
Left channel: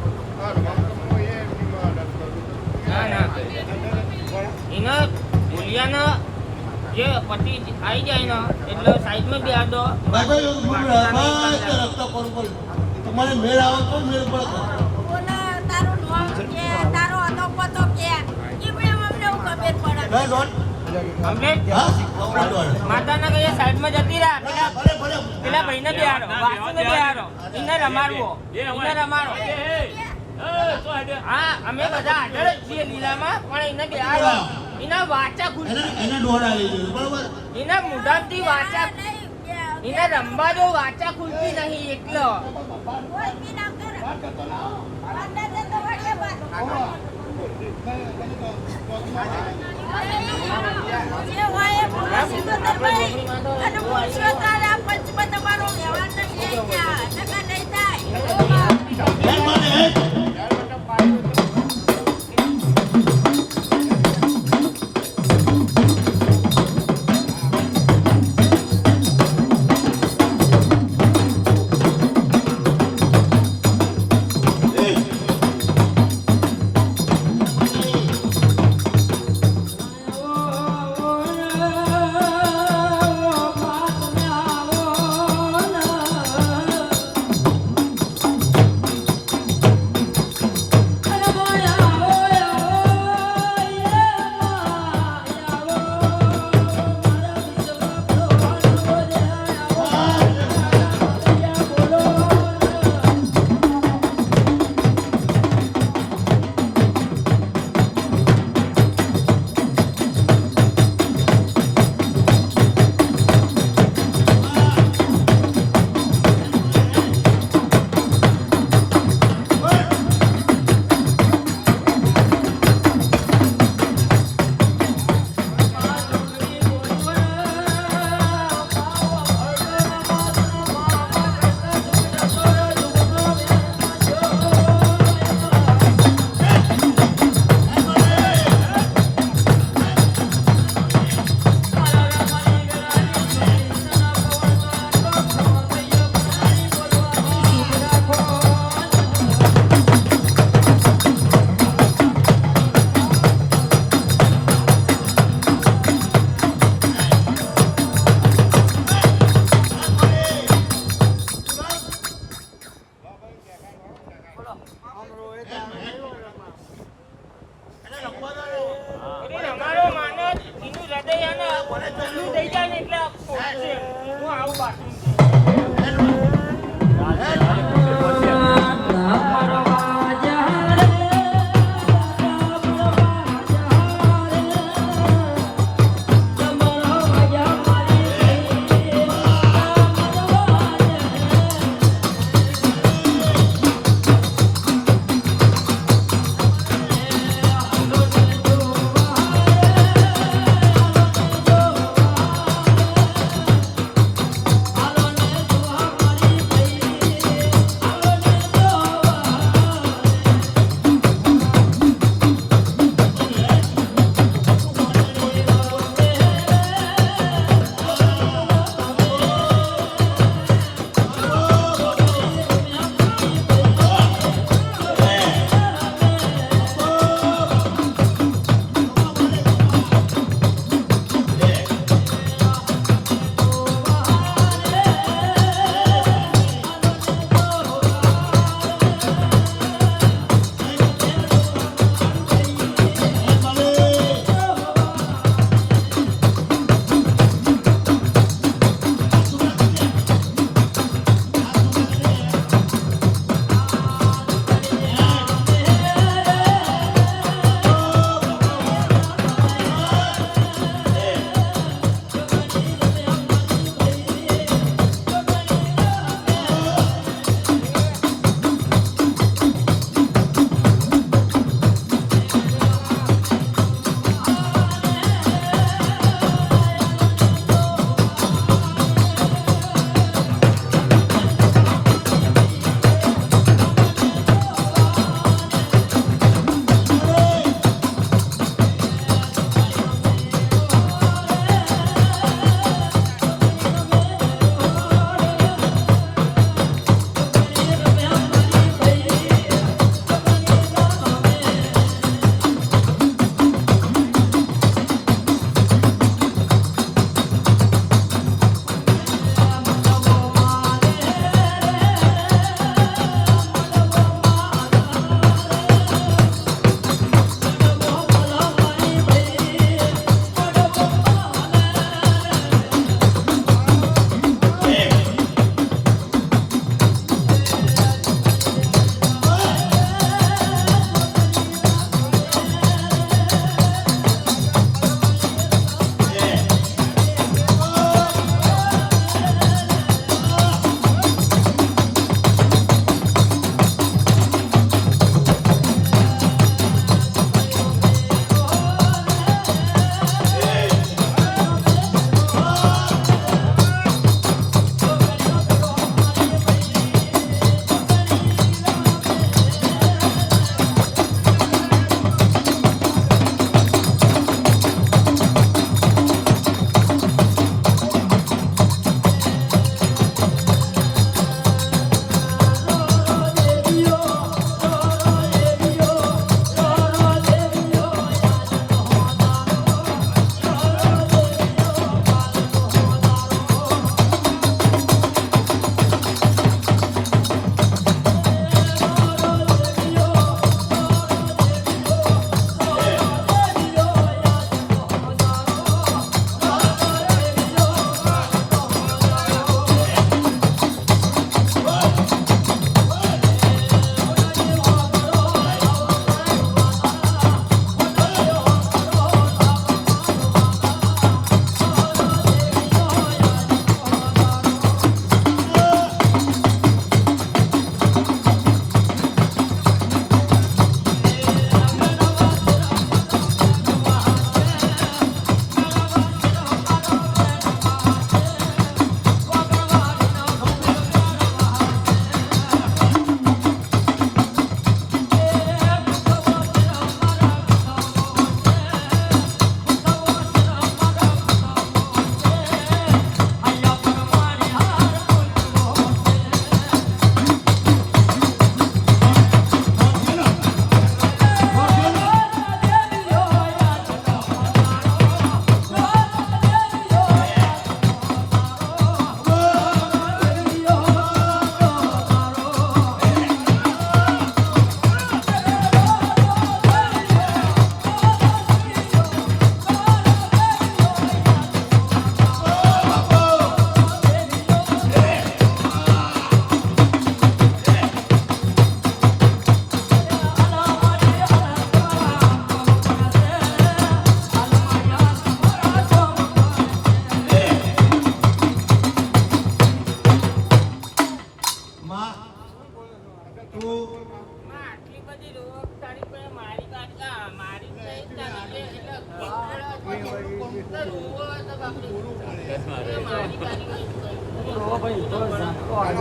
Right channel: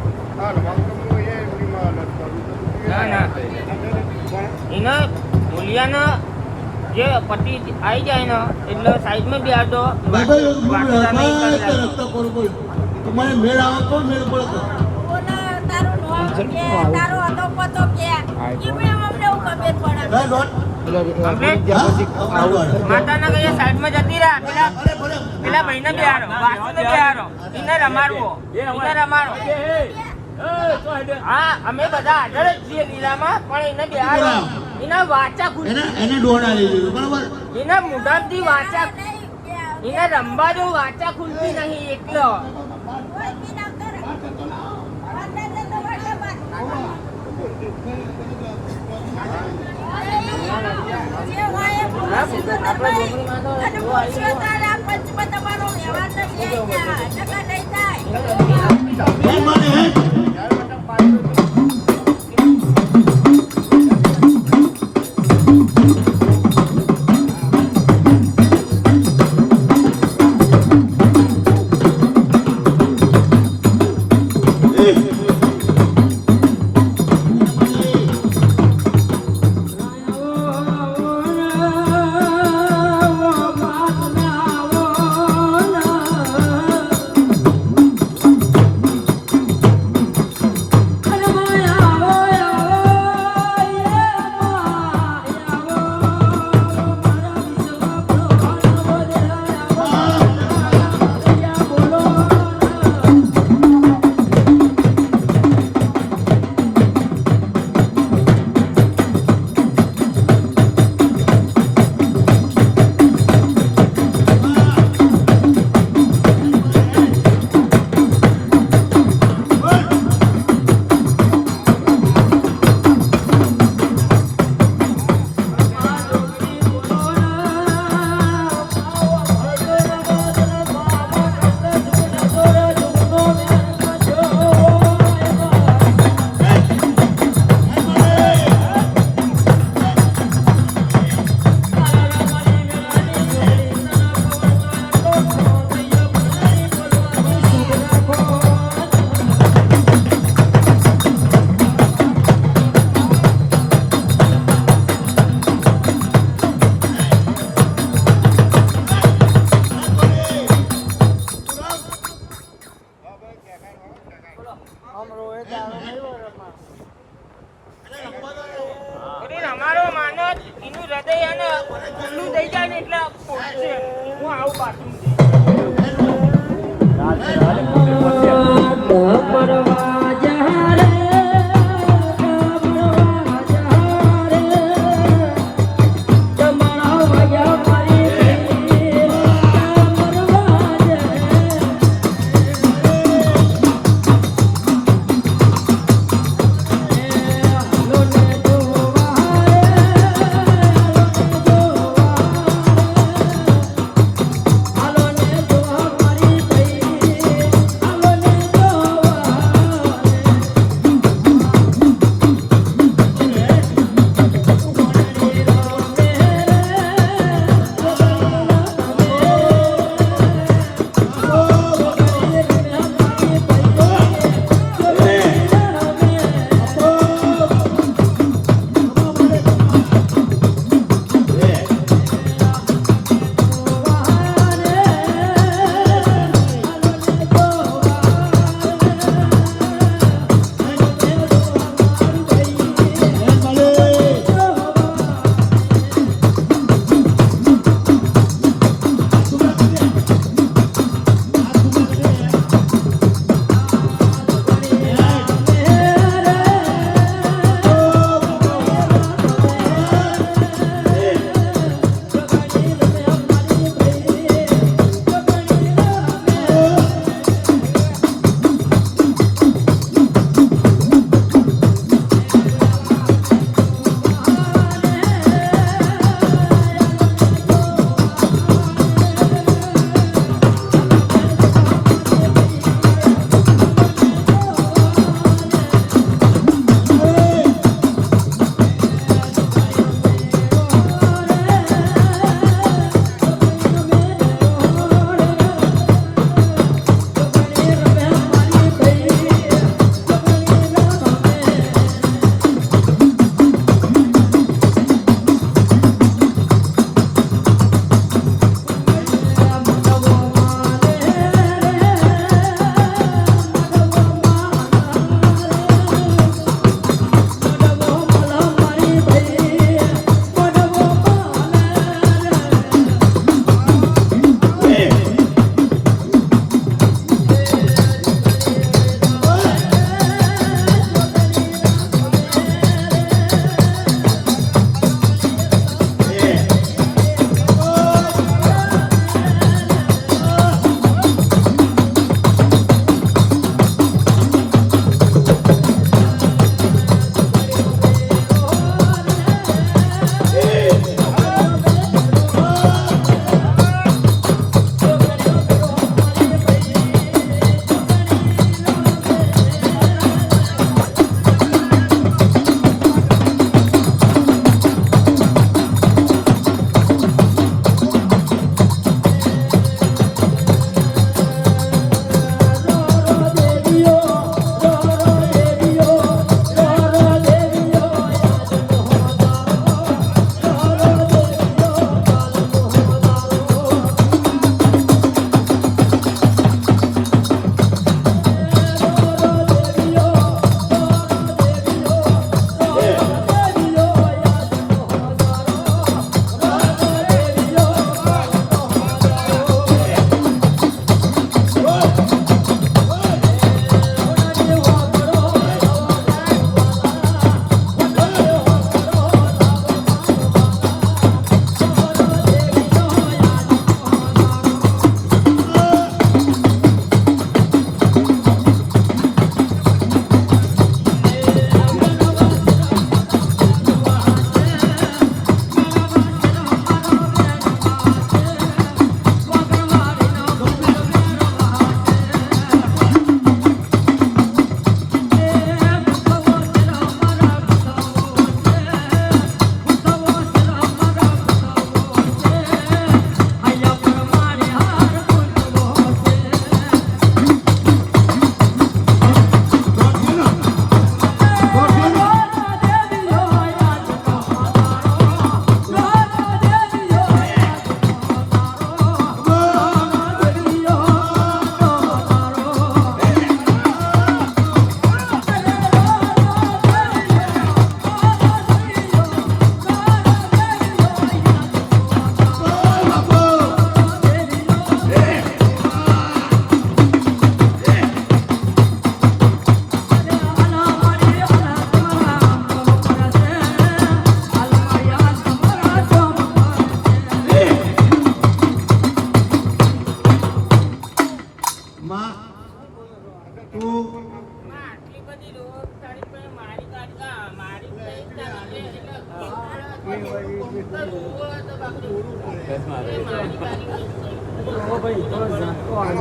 એના મૂલ્યાના જે પતિ આવી જાય ને એટલે સાઈડમાં બી આડો भाई रखता पर बोल तुम्हारे मेल आओ तो मेरे पर भाई डॉट માતાના કે સાઈડમાં જતી રહ્યા પેલા ભાઈને બી આડો એને રમાડવો એને રમાડવો હા અમે બધા આગળ જ છીએ લીલામાં પણ એને બી આડો એના વાચા ખુલી એને દોડા લઈ જજો બરાબર એના મુઢાથી વાચા એને રમવા દો વાચા ખુલતી નહીં એકલો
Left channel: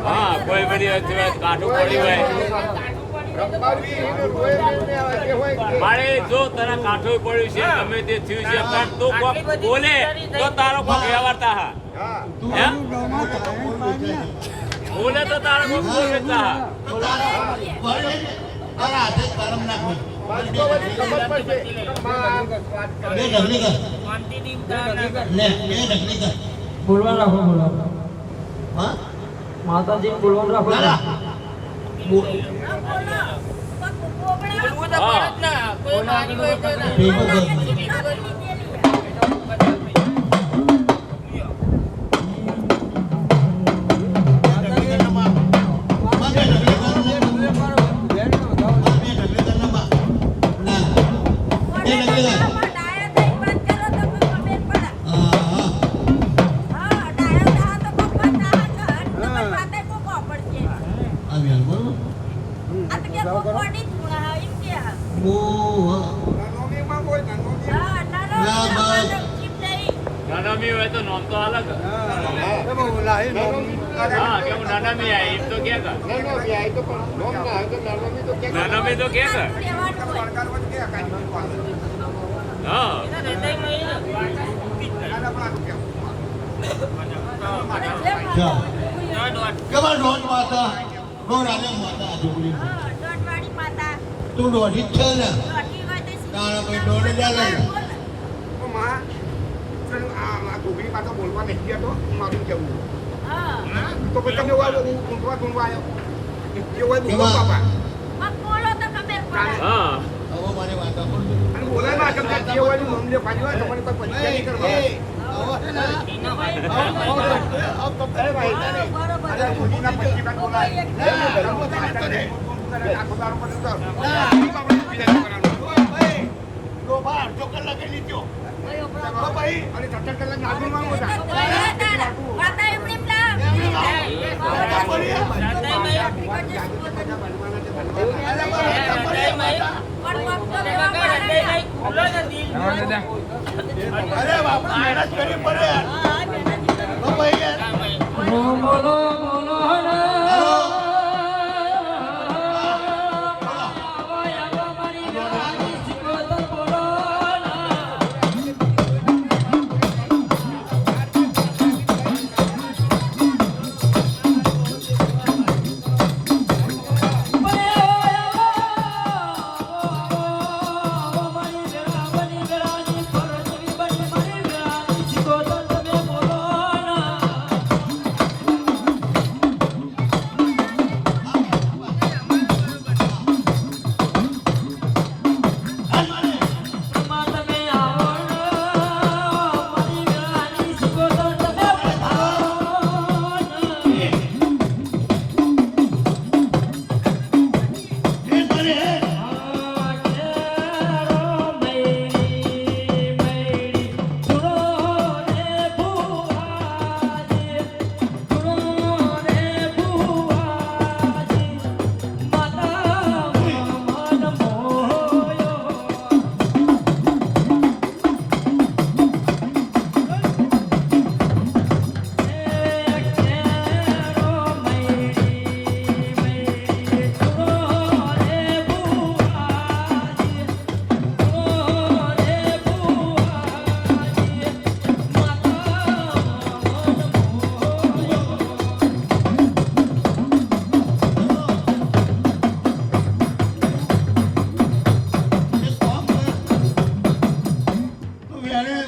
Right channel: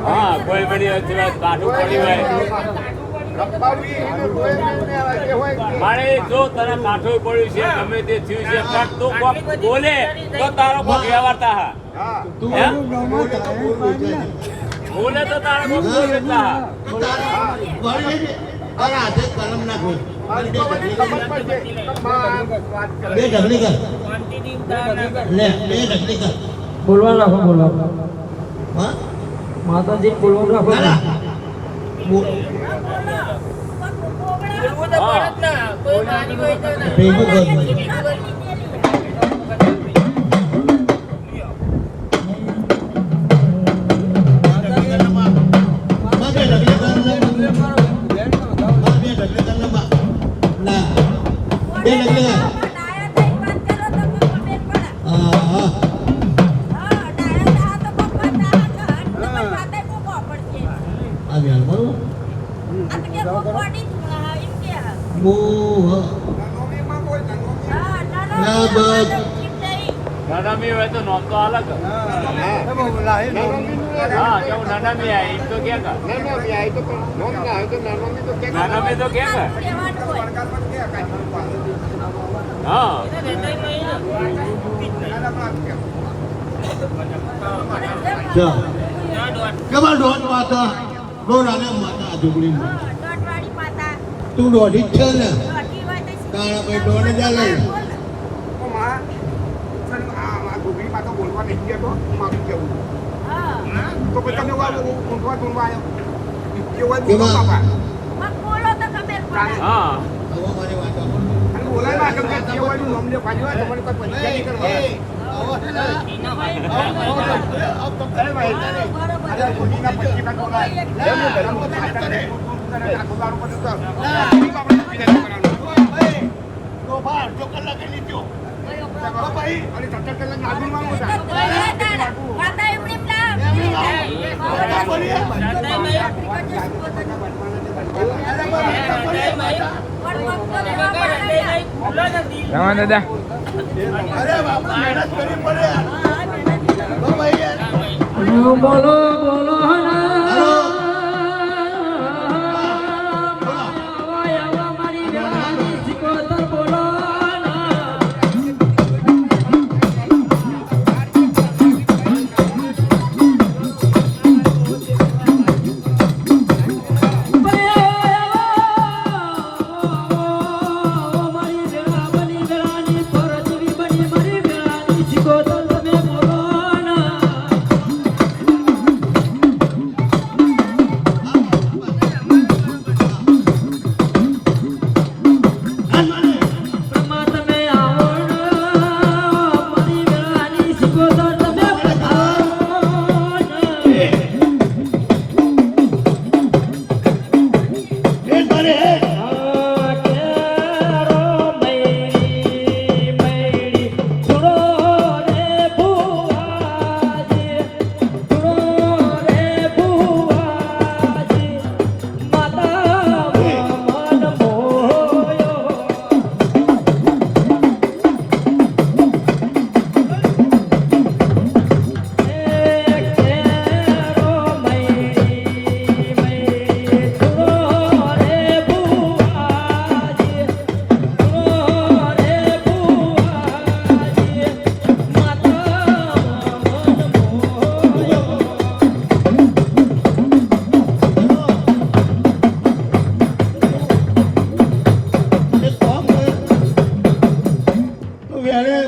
હા કોઈ બધી કાઠું પડ્યું હોય મારે જો તને કાઠું પડ્યું છે ગમે તે થયું છે પણ તું કોક બોલે તો તારો કોક વ્યવહારતા હા હે? બોલે તો તારો કોક બોલે તા તારા હાથે કલમ નાખો બે ઢગલી કર લે બે ઢગલી કર બોલવા રાખો બોલો હા માતાજી બોલવા રાખો ના બોલવું તો પડે જ ના કોઈ મારી હોય તો ના ભેગું કર નાનામી હોય તો નોમ તો અલગ હા કેવું નાનામી આવી એમ તો ક્યાં કર નાનામી તો ક્યાં કર હા કમર દોઢ માતા રોનાને માતા જોગડી તું દોઢી જ છે ને તારા કોઈ દોઢ જ લે બોલવા નહીં ગયા તો મારું કેવું તો પછી તમે ઊંઘવા આવ્યો કેવાય બોલો બાપા હા હવે મારી વાત સાંભળ. અને બોલાય ના કેમ કે કેવાય નામ લે પાડી હોય તમારે કોઈ પૈસા નહીં કરવા અરે કોઈના પૈસા ના બોલાય આખો દારૂ પર ભાઈ અને 70 કલાક નાગુર માંગો બોલો બોલો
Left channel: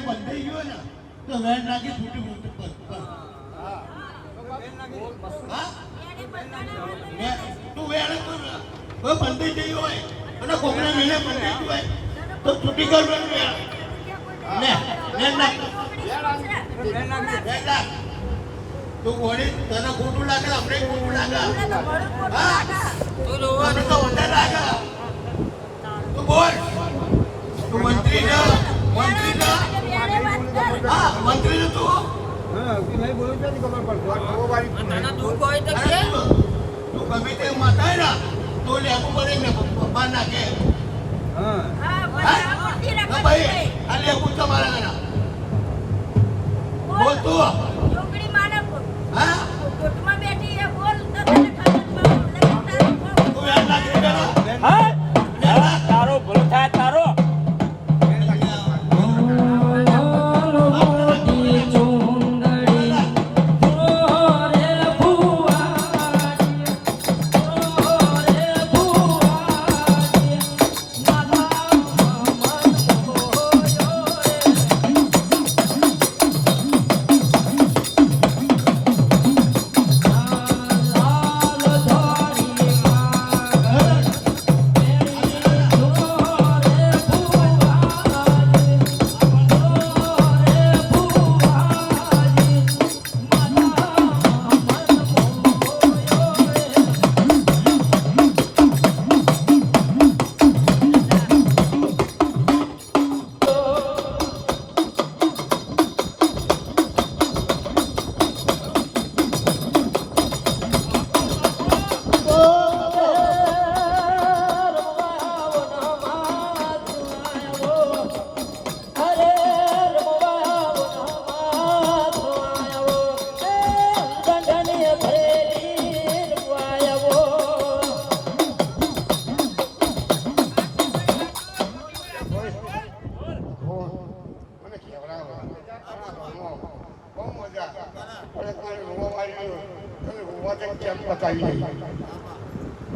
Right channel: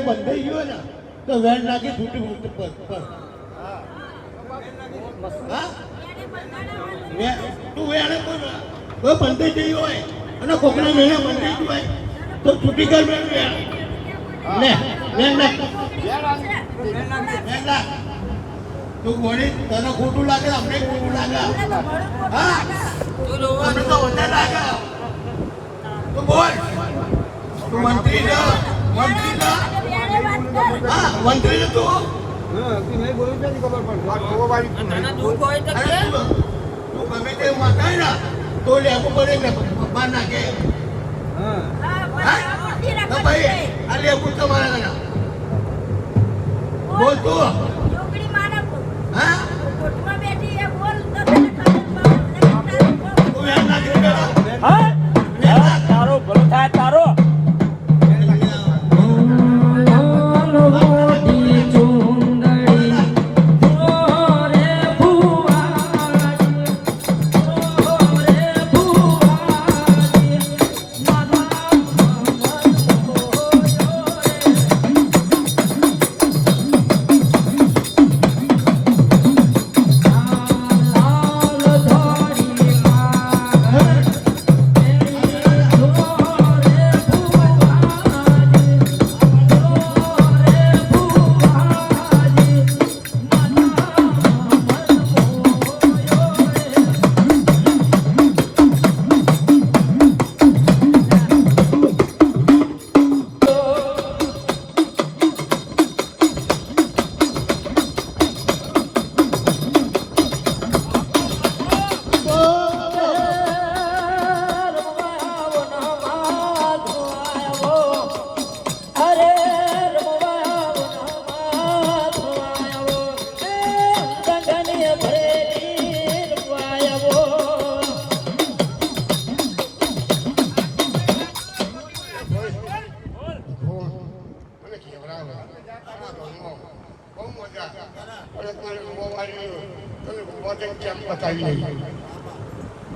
બંધાઈ ગયો ને તો વેણ નાખી છૂટી પર તું વેણ તો બંધાઈ જઈ હોય અને કોકના મેળે બંધાઈ ગયું હોય તો છૂટી કર વેણ લે વેણ નાખ તું ગોળી તને ખોટું લાગે અમને ખોટું લાગે હા અમને તો વધારે લાગે તું બોલ તું મંત્રી ના મંત્રી તું નહીં બોલું નથી ખબર પડશે દુઃખ હોય તો કે તું ગમે તે માતાય ના તો લેવું પડે ને બહાર નાખે ભાઈ આ લેવું તમારા ઘણા બોલ તું છોકરી માને હા કોટમાં બેઠી એ બોલ તો તને ખબર પડે તારું કોણ? તું એમ ના કરી બેટા. હા? હા, તારો ભલો થાય તારો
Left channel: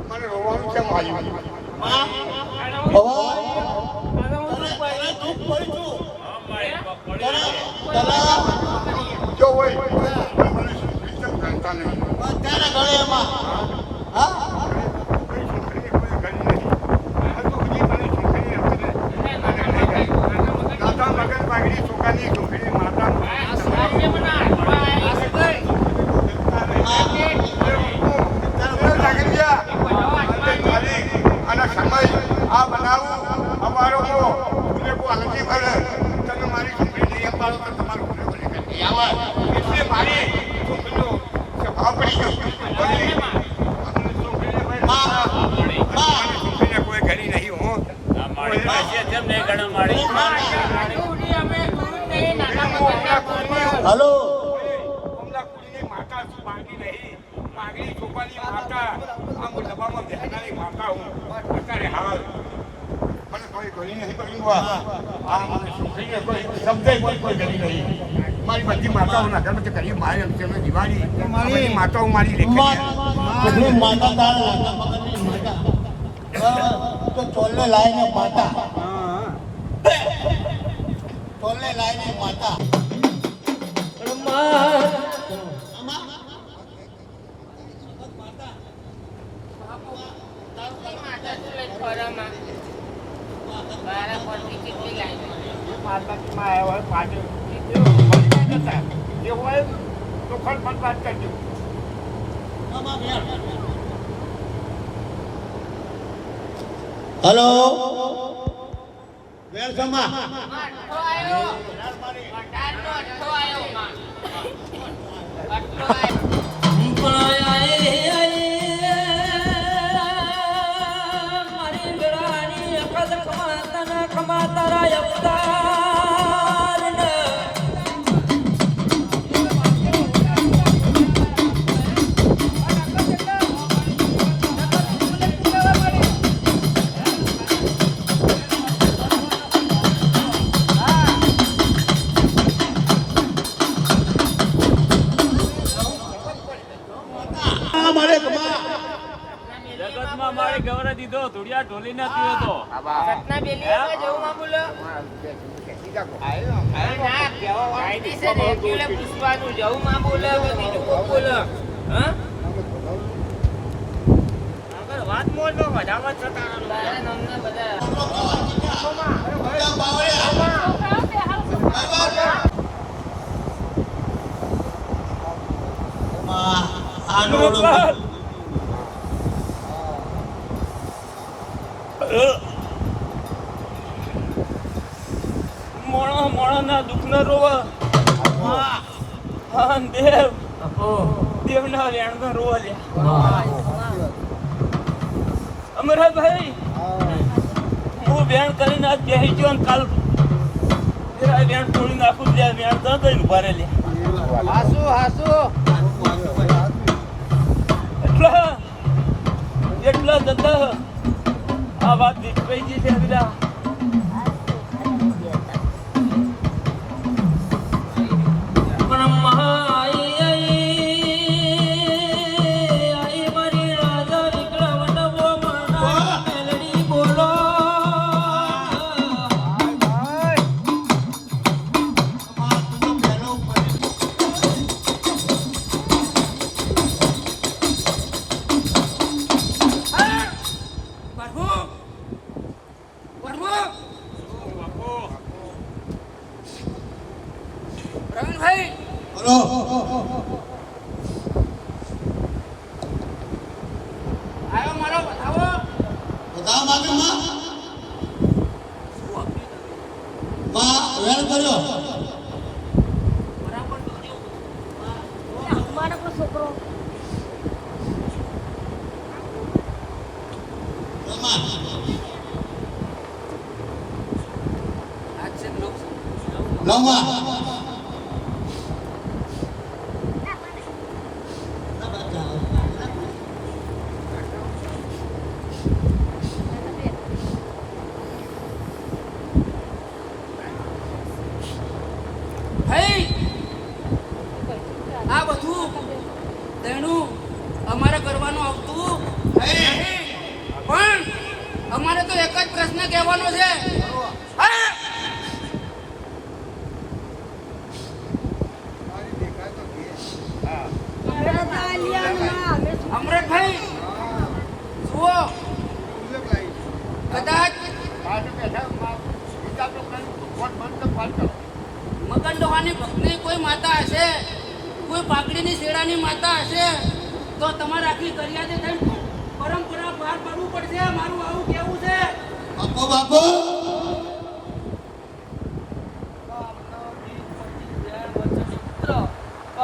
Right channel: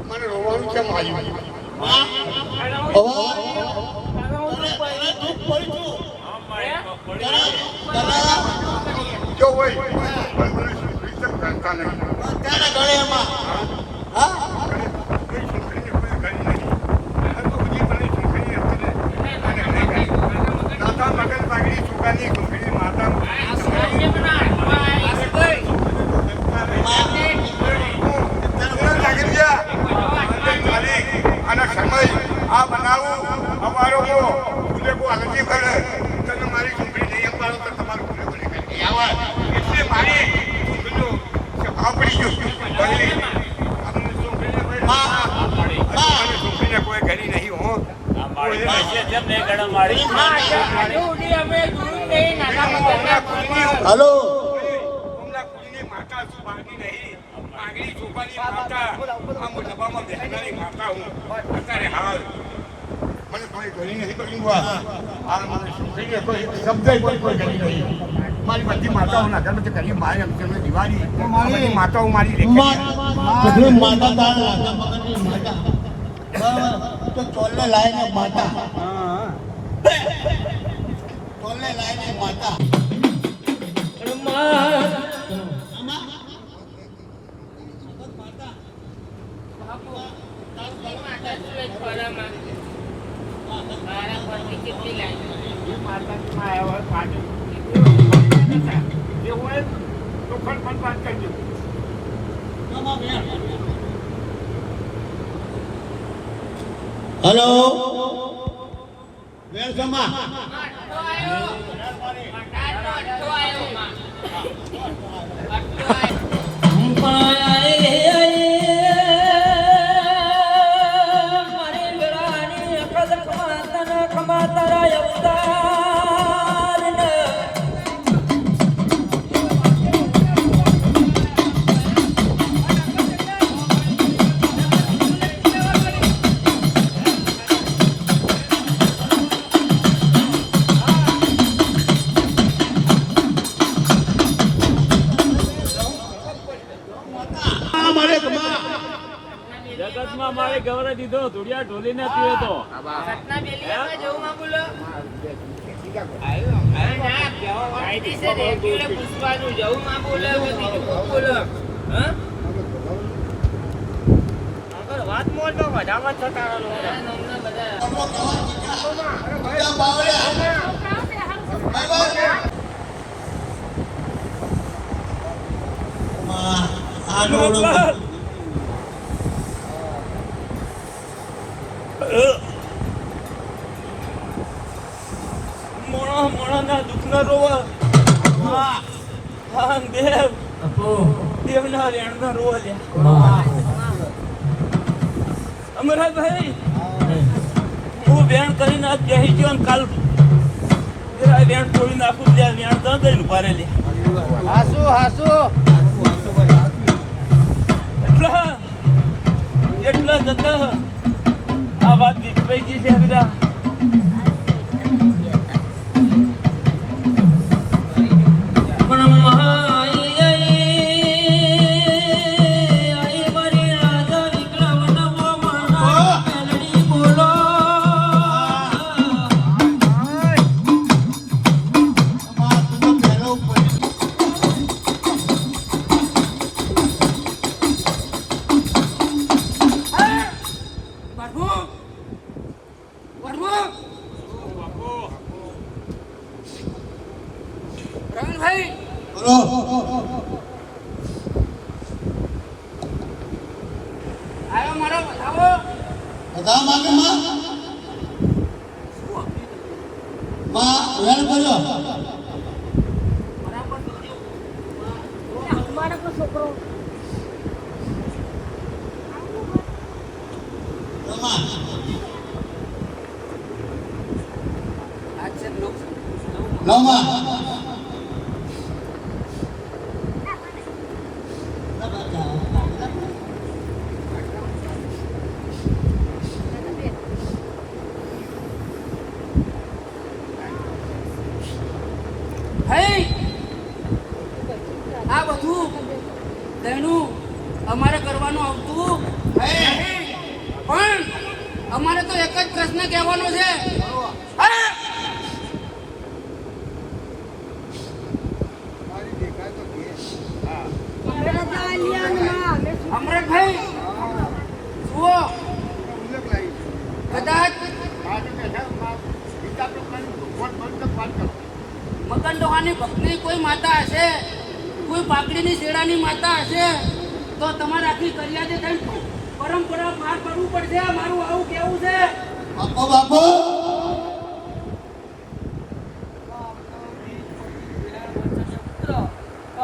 મને રોવાનું કેમ આવ્યું? જો હોય મને રીતમ જાણતા નહીં. અત્યારે ગળે એમાં હા દાદા મગજ પાઘડી છોકરાની છોકરી માતા અને સમય આ બનાવું અમારો નથી કરે તને મારી છોકરી નહીં અપાડો તો તમારું એટલે મારી છોકરીનો ભાવ પડી ગયો છોકરીને કોઈ ઘણી નહીં હો હલો માતા શું માંગી નહીં માંગણી છોકરાની માતા આ હું ડબ્બામાં બેસનારી માતા હું અત્યારે હાલ મને કોઈ ઘણી નહીં કર્યું આ મને છોકરીને કોઈ શબ્દ કોઈ ઘણી નહીં મારી બધી માતાઓના ઘર બધે કરી મારી એમ છે દિવાળી બધી માતાઓ મારી બધું માતા તારા લાગા મગનની માતા તો ચોલ્લે લાઈને માતા ચોલ્લે લાઈને માતા હલો વેલકમમાં જગતમાં મારે ગવરે દીધો ધુડિયા ઢોલી ને પીયો તો વાત મોલ તો વધામાં છતાં મોણા મોણા ના દુઃખ ના રોવા દેવ દેવ ના રેણ ના રોવા લે અમરભાઈ હું બેન કરીને આજ બેસી ગયો ને કાલ વેણ તોડી નાખું ત્યાં વેણ તો ગઈ ઉભા રે લે એટલા જતા આ વાત દીકરાઈજી છે બધા પ્રવીણભાઈ બોલો આવ્યો મારો બતાવો બધા માંગે માં વેણ કર્યો બરાબર મારો પણ છોકરો રમા આજ છે લોક લવમાં ભાઈ આ બધું તેનું અમારે કરવાનું આવતું નહીં. પણ અમારે તો એક જ પ્રશ્ન કહેવાનો છે હા? અમરતભાઈ જુઓ કદાચ મગનડોહાની ભક્તની કોઈ માતા હશે, કોઈ પાકડીની શેડાની માતા હશે, તો તમારે આખી કરિયાદે થઈને પરંપરા પાર પાડવું પડશે. મારું આવું કેવું છે. બાપો બાપો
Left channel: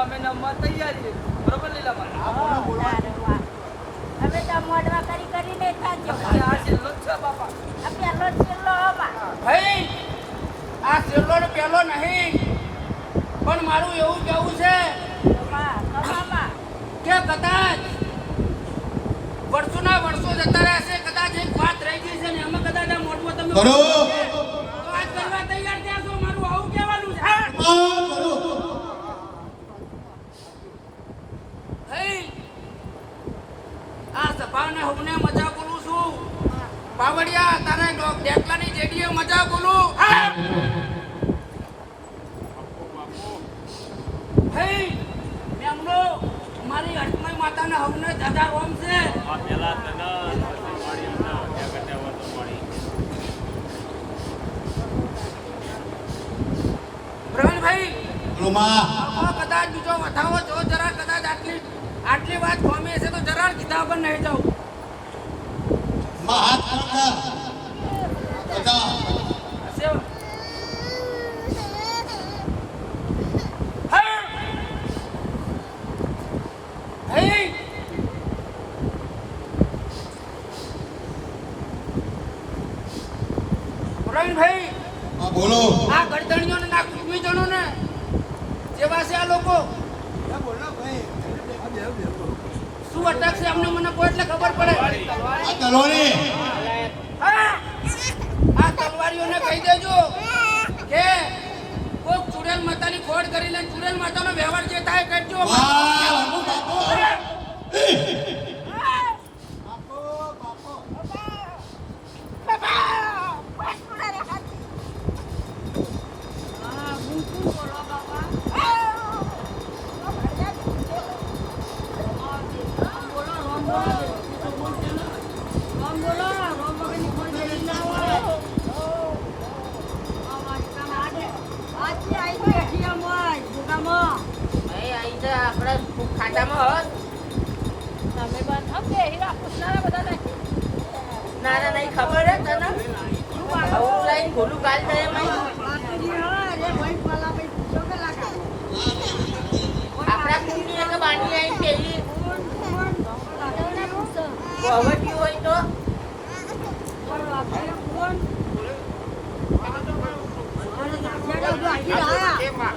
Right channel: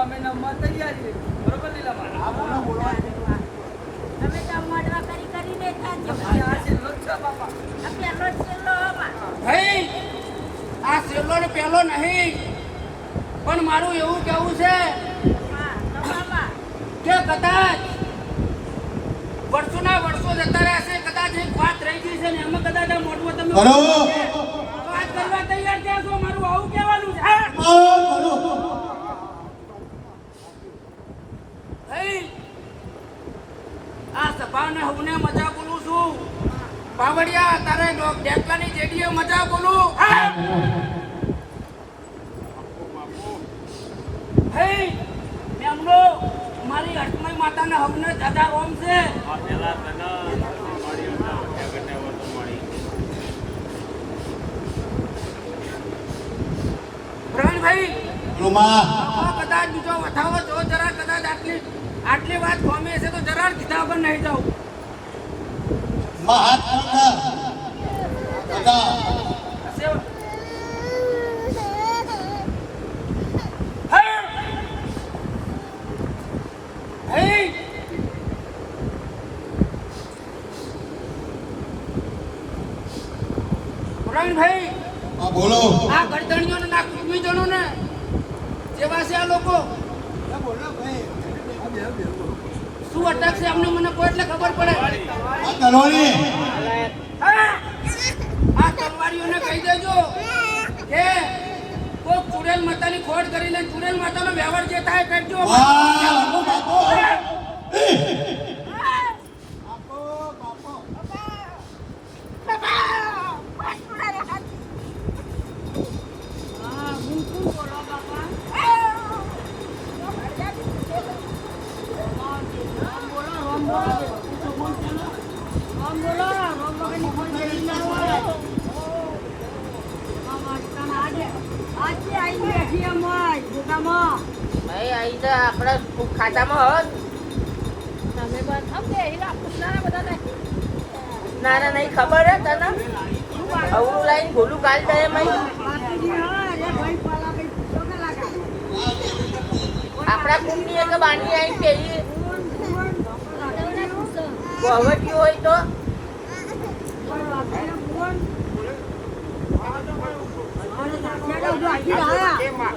અમે નમવા તૈયારી બરોબર લીલામાં હા બોલો આ છેલ્લો જ છે બાપા ભાઈ આ છેલ્લો ને પહેલો નહીં, પણ મારું એવું કેવું છે કે કદાચ વર્ષોના વર્ષો જતા રહેશે, કદાચ એક વાત રહી ગઈ છે ને અમે કદાચ આ મોટમાં તમે કરો. તો આ કરવા તૈયાર થયા છો. મારું આવું કહેવાનું છે હા? ભાઈ આ સભાને હું મજા બોલું છું. પાવડિયા તારે ડેકલાની જેડીએ મજા બોલું હા? ભાઈ મેમનો મારી અટમય માતાને હવને દાદા રોમ છે. પ્રવીણભાઈ રૂમા કદાચ બીજો વધાવો જો જરા કદાચ આટલી વાત ખોમી હશે તો જરા કીધા વગર નહીં જાઉં. માં હાથ પકડ બધા હશે. હા. ભાઈ પ્રવીણભાઈ હા બોલો આ ગરદણીઓને ના કુટુંબીજનોને જેવા છે આ લોકો શું અટકશે અમને મને કોઈ એટલે ખબર પડે. આ તલવારી હા. આ તલવારીઓને કહી દેજો કે કોક ચુડેલ માતાની ખોડ કરીને ચુડેલ માતાનો વ્યવહાર જે થાય કરજો.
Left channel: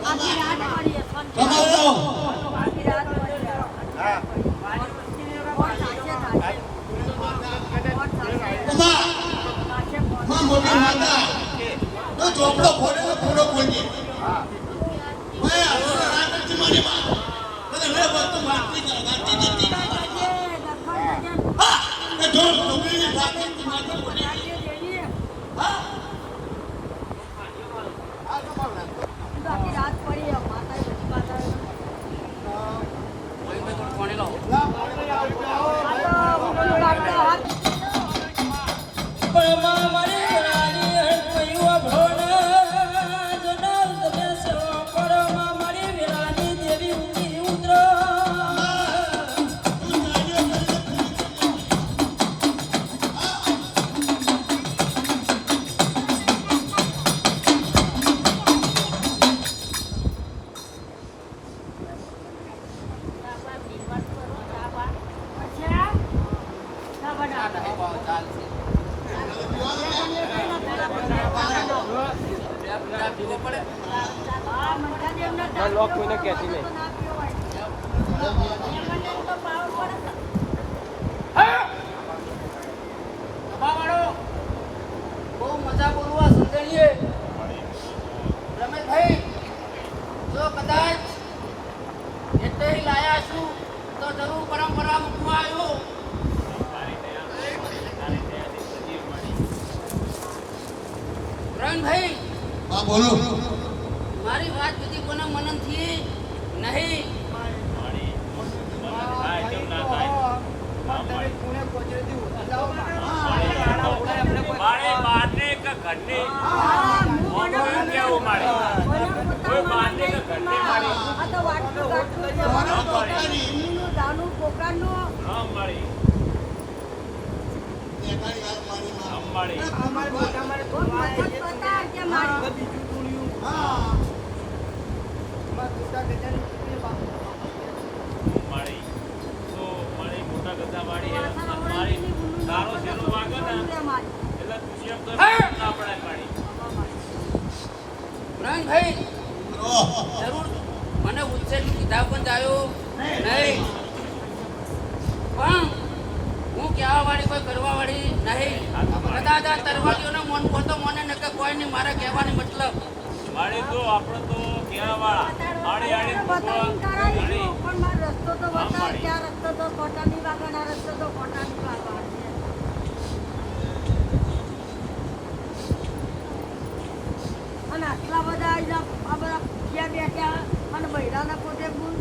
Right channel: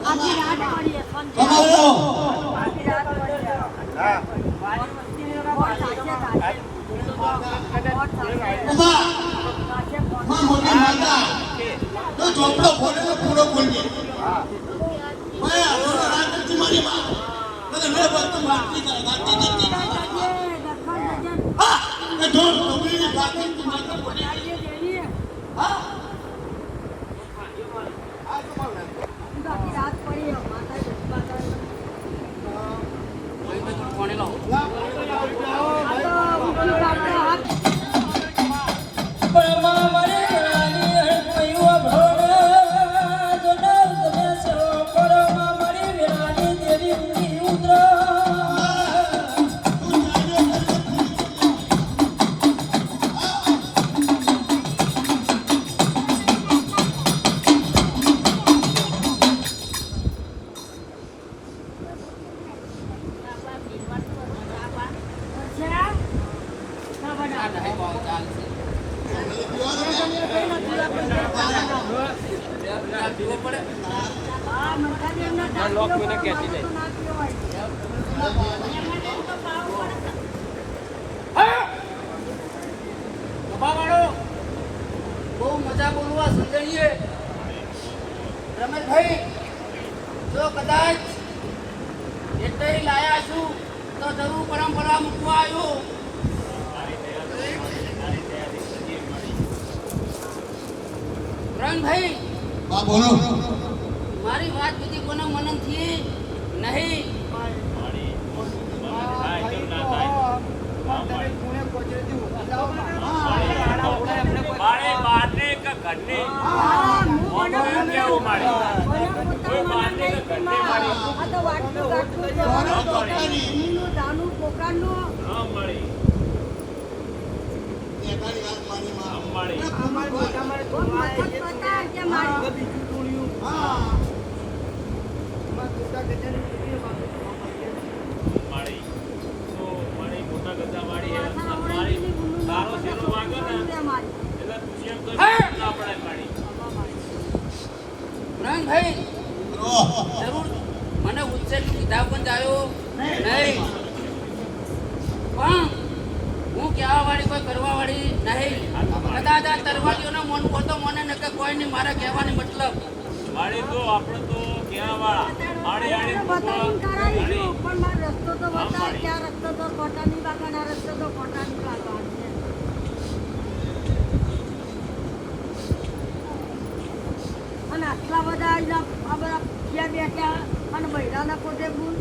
આખી રાત તમારો મોટી માતા તો ચોપડો ખોલે તો પૂરો બોલજે ભાઈ આ તમારી માં તને મે વાત મારતી નાખતી દીધી હા એ જો છોકરીને બાકી માતા બોલી હા આ તમારું કોણે લાવો બહુ મજા બોલવા સંગણીએ રમેશભાઈ જો કદાચ એટલે લાયા છું તો જરૂર પરંપરા મૂકવા આવ્યો રણભાઈ હા બોલો મારી વાત બધી કોને મનન થી નહીં મારે બહારને કે ઘરને મોઢું કેવું મારે કોઈ બહારને કે ઘરને મારી હા મારી મારી તો મારી મોટા ગદ્દા વાળી મારી તારો શેરો વાગો ને એટલે તું એમ તો ના પડે મારી રણભાઈ જરૂર મને ઉચ્ચેરનું કીધા પણ જાયો નહીં પણ હું કહેવા વાળી કોઈ કરવા વાળી નહીં કદાચ આ તરવાડીઓને મન તો મને ન કે કોઈ નહીં મારે કહેવાની મતલબ મારી તો આપણે તો કેવા વાળા આડી આડી પણ મારો રસ્તો તો બતાવ ક્યાં રસ્તો તો કોટાની વાગવાના રસ્તો તો કોટાની વાગવાનો છે અને આટલા બધા આ બધા ક્યાં બેઠા અને બૈરાના પોતે ગુણ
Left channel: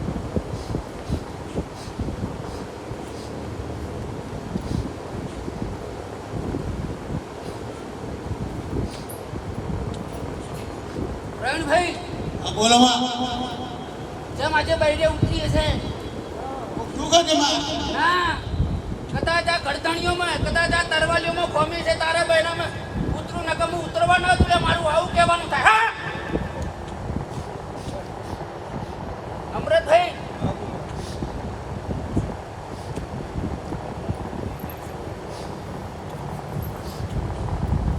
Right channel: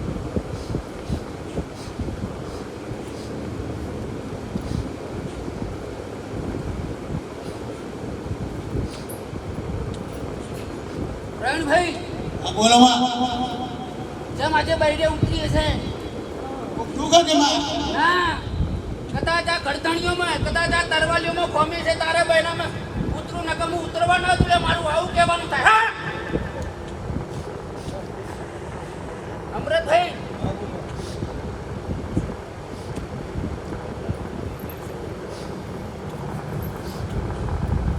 પ્રવીણભાઈ બોલો માં જેમ આજે બૈરે ઉતરી હશે શું કરે માં ના કદાચ આ ગળતણીઓમાં કદાચ આ તરવાલીઓમાં ખોમી છે તારા બૈરામાં ઉતરું નકમ હું ઉતરવા ન તું મારું આવું કહેવાનું થાય હા અમૃતભાઈ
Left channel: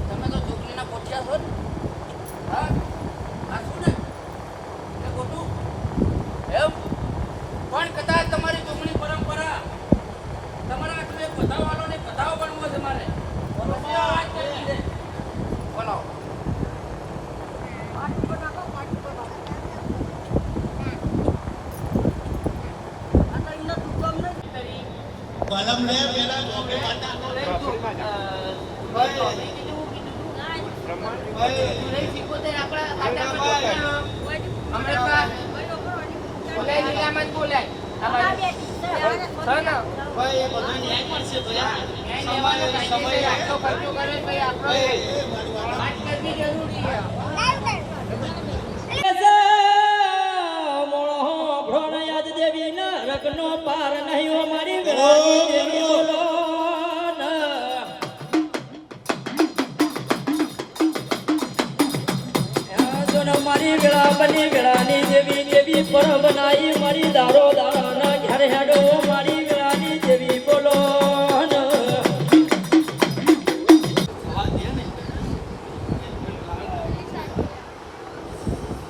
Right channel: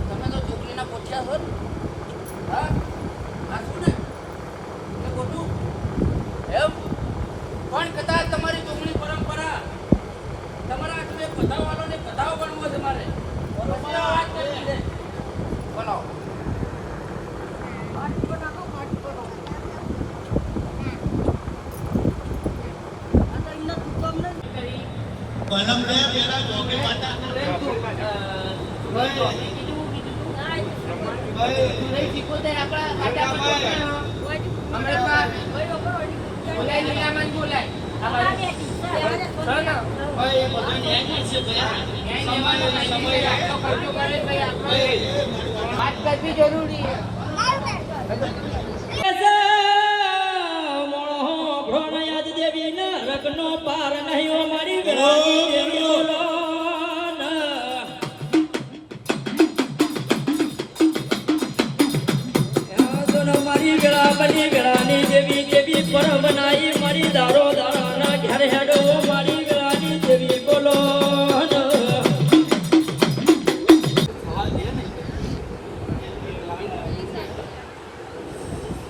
તમે તો છોકરીના પોઠિયા છો ને હા સાચું ને એ ખોટું એમ પણ કદાચ તમારી ચોકની પરંપરા તમારા તમે બધાવાનો ને બધાઓ બનવો છે મારે બોલો કલમ લે પેલા જોકે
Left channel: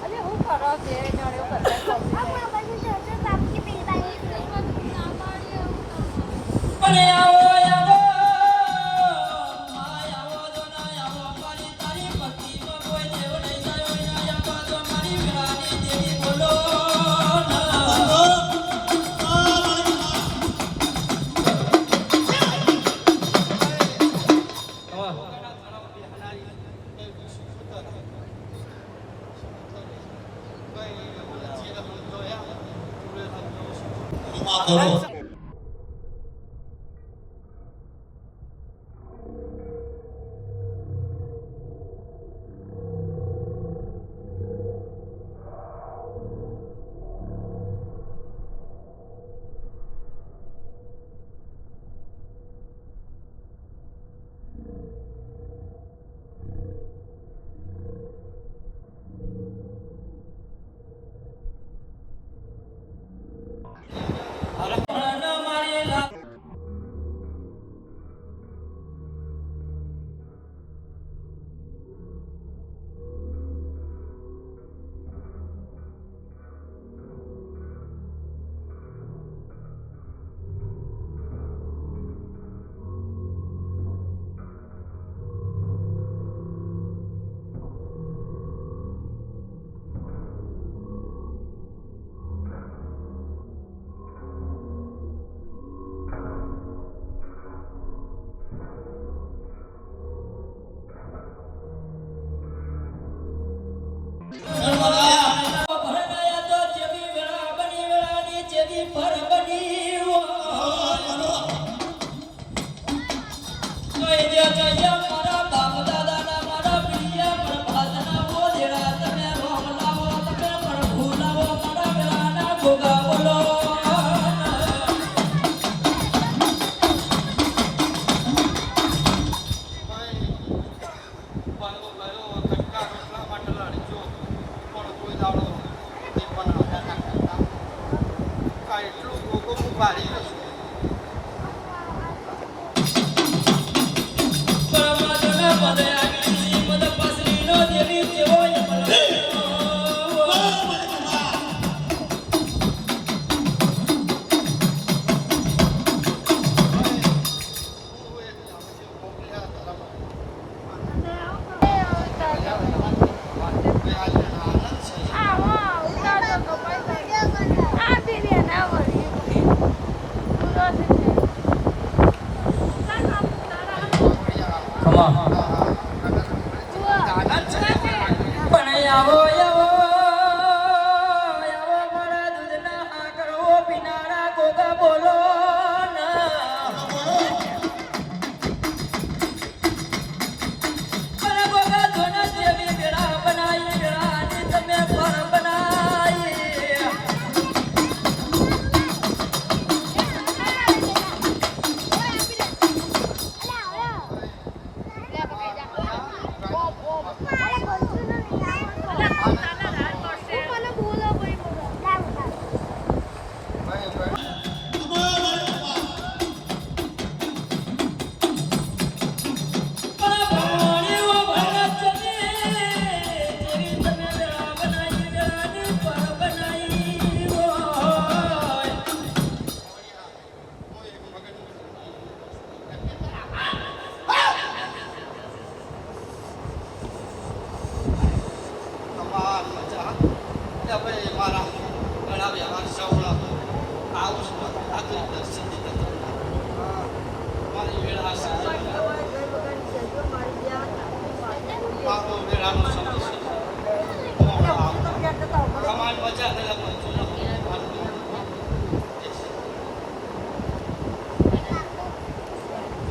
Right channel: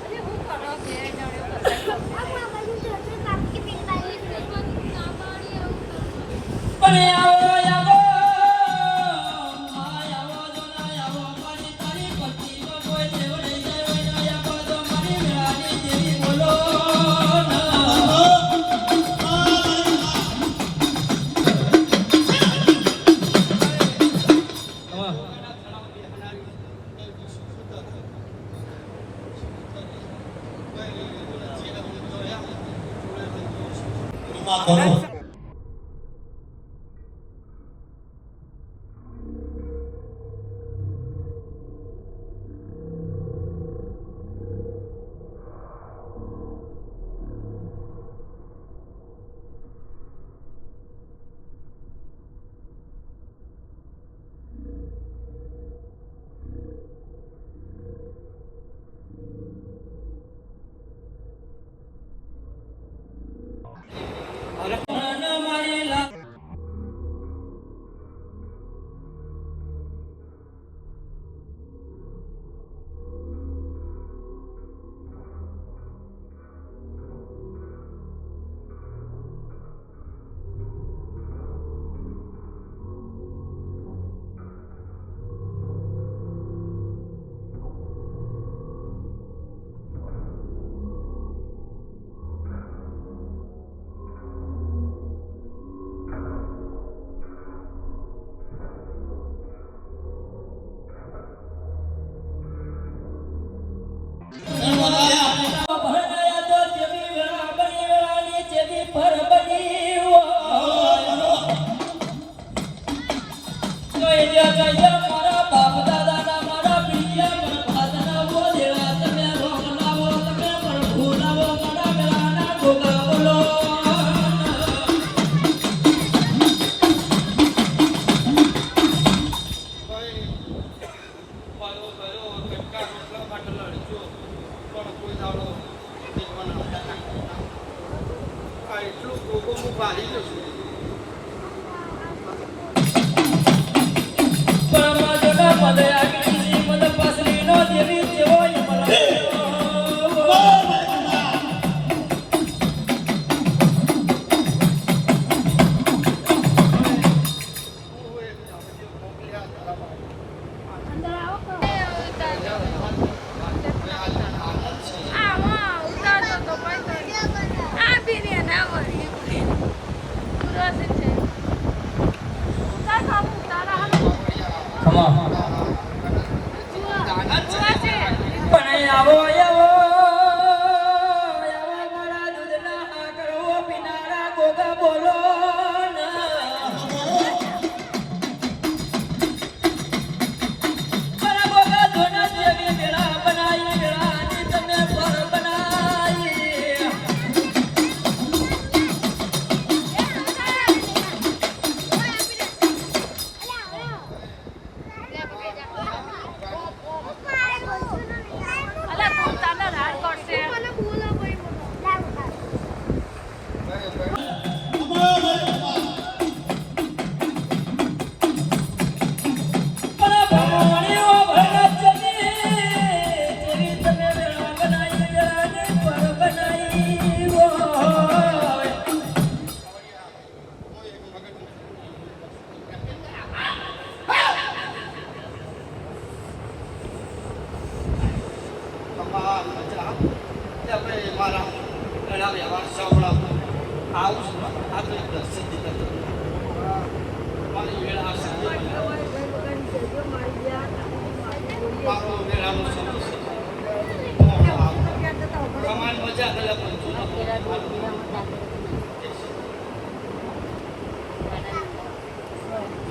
અરે હું કરવા ઘેર જાણ્યો કદાચ પણ આવો આવો આવો જોના આવો મારી તારી પત્નીનો કોઈ દેવ નહીં જાય આવો તો મારી વેળાની દેવી બોલો એટલું ગોગો હું ભારી જશું મારા ઘણા વ્યવહાર સાંભળા આવું છું આ તો દર્શન મારી વેળા આ સાંજે મારો વેળાનો સમય તમારી મજા કર્યા પણ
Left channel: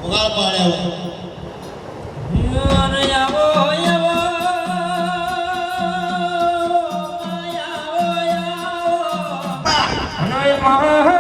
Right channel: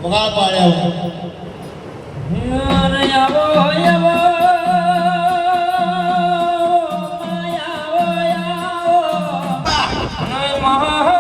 વગા પાડ્યા મહા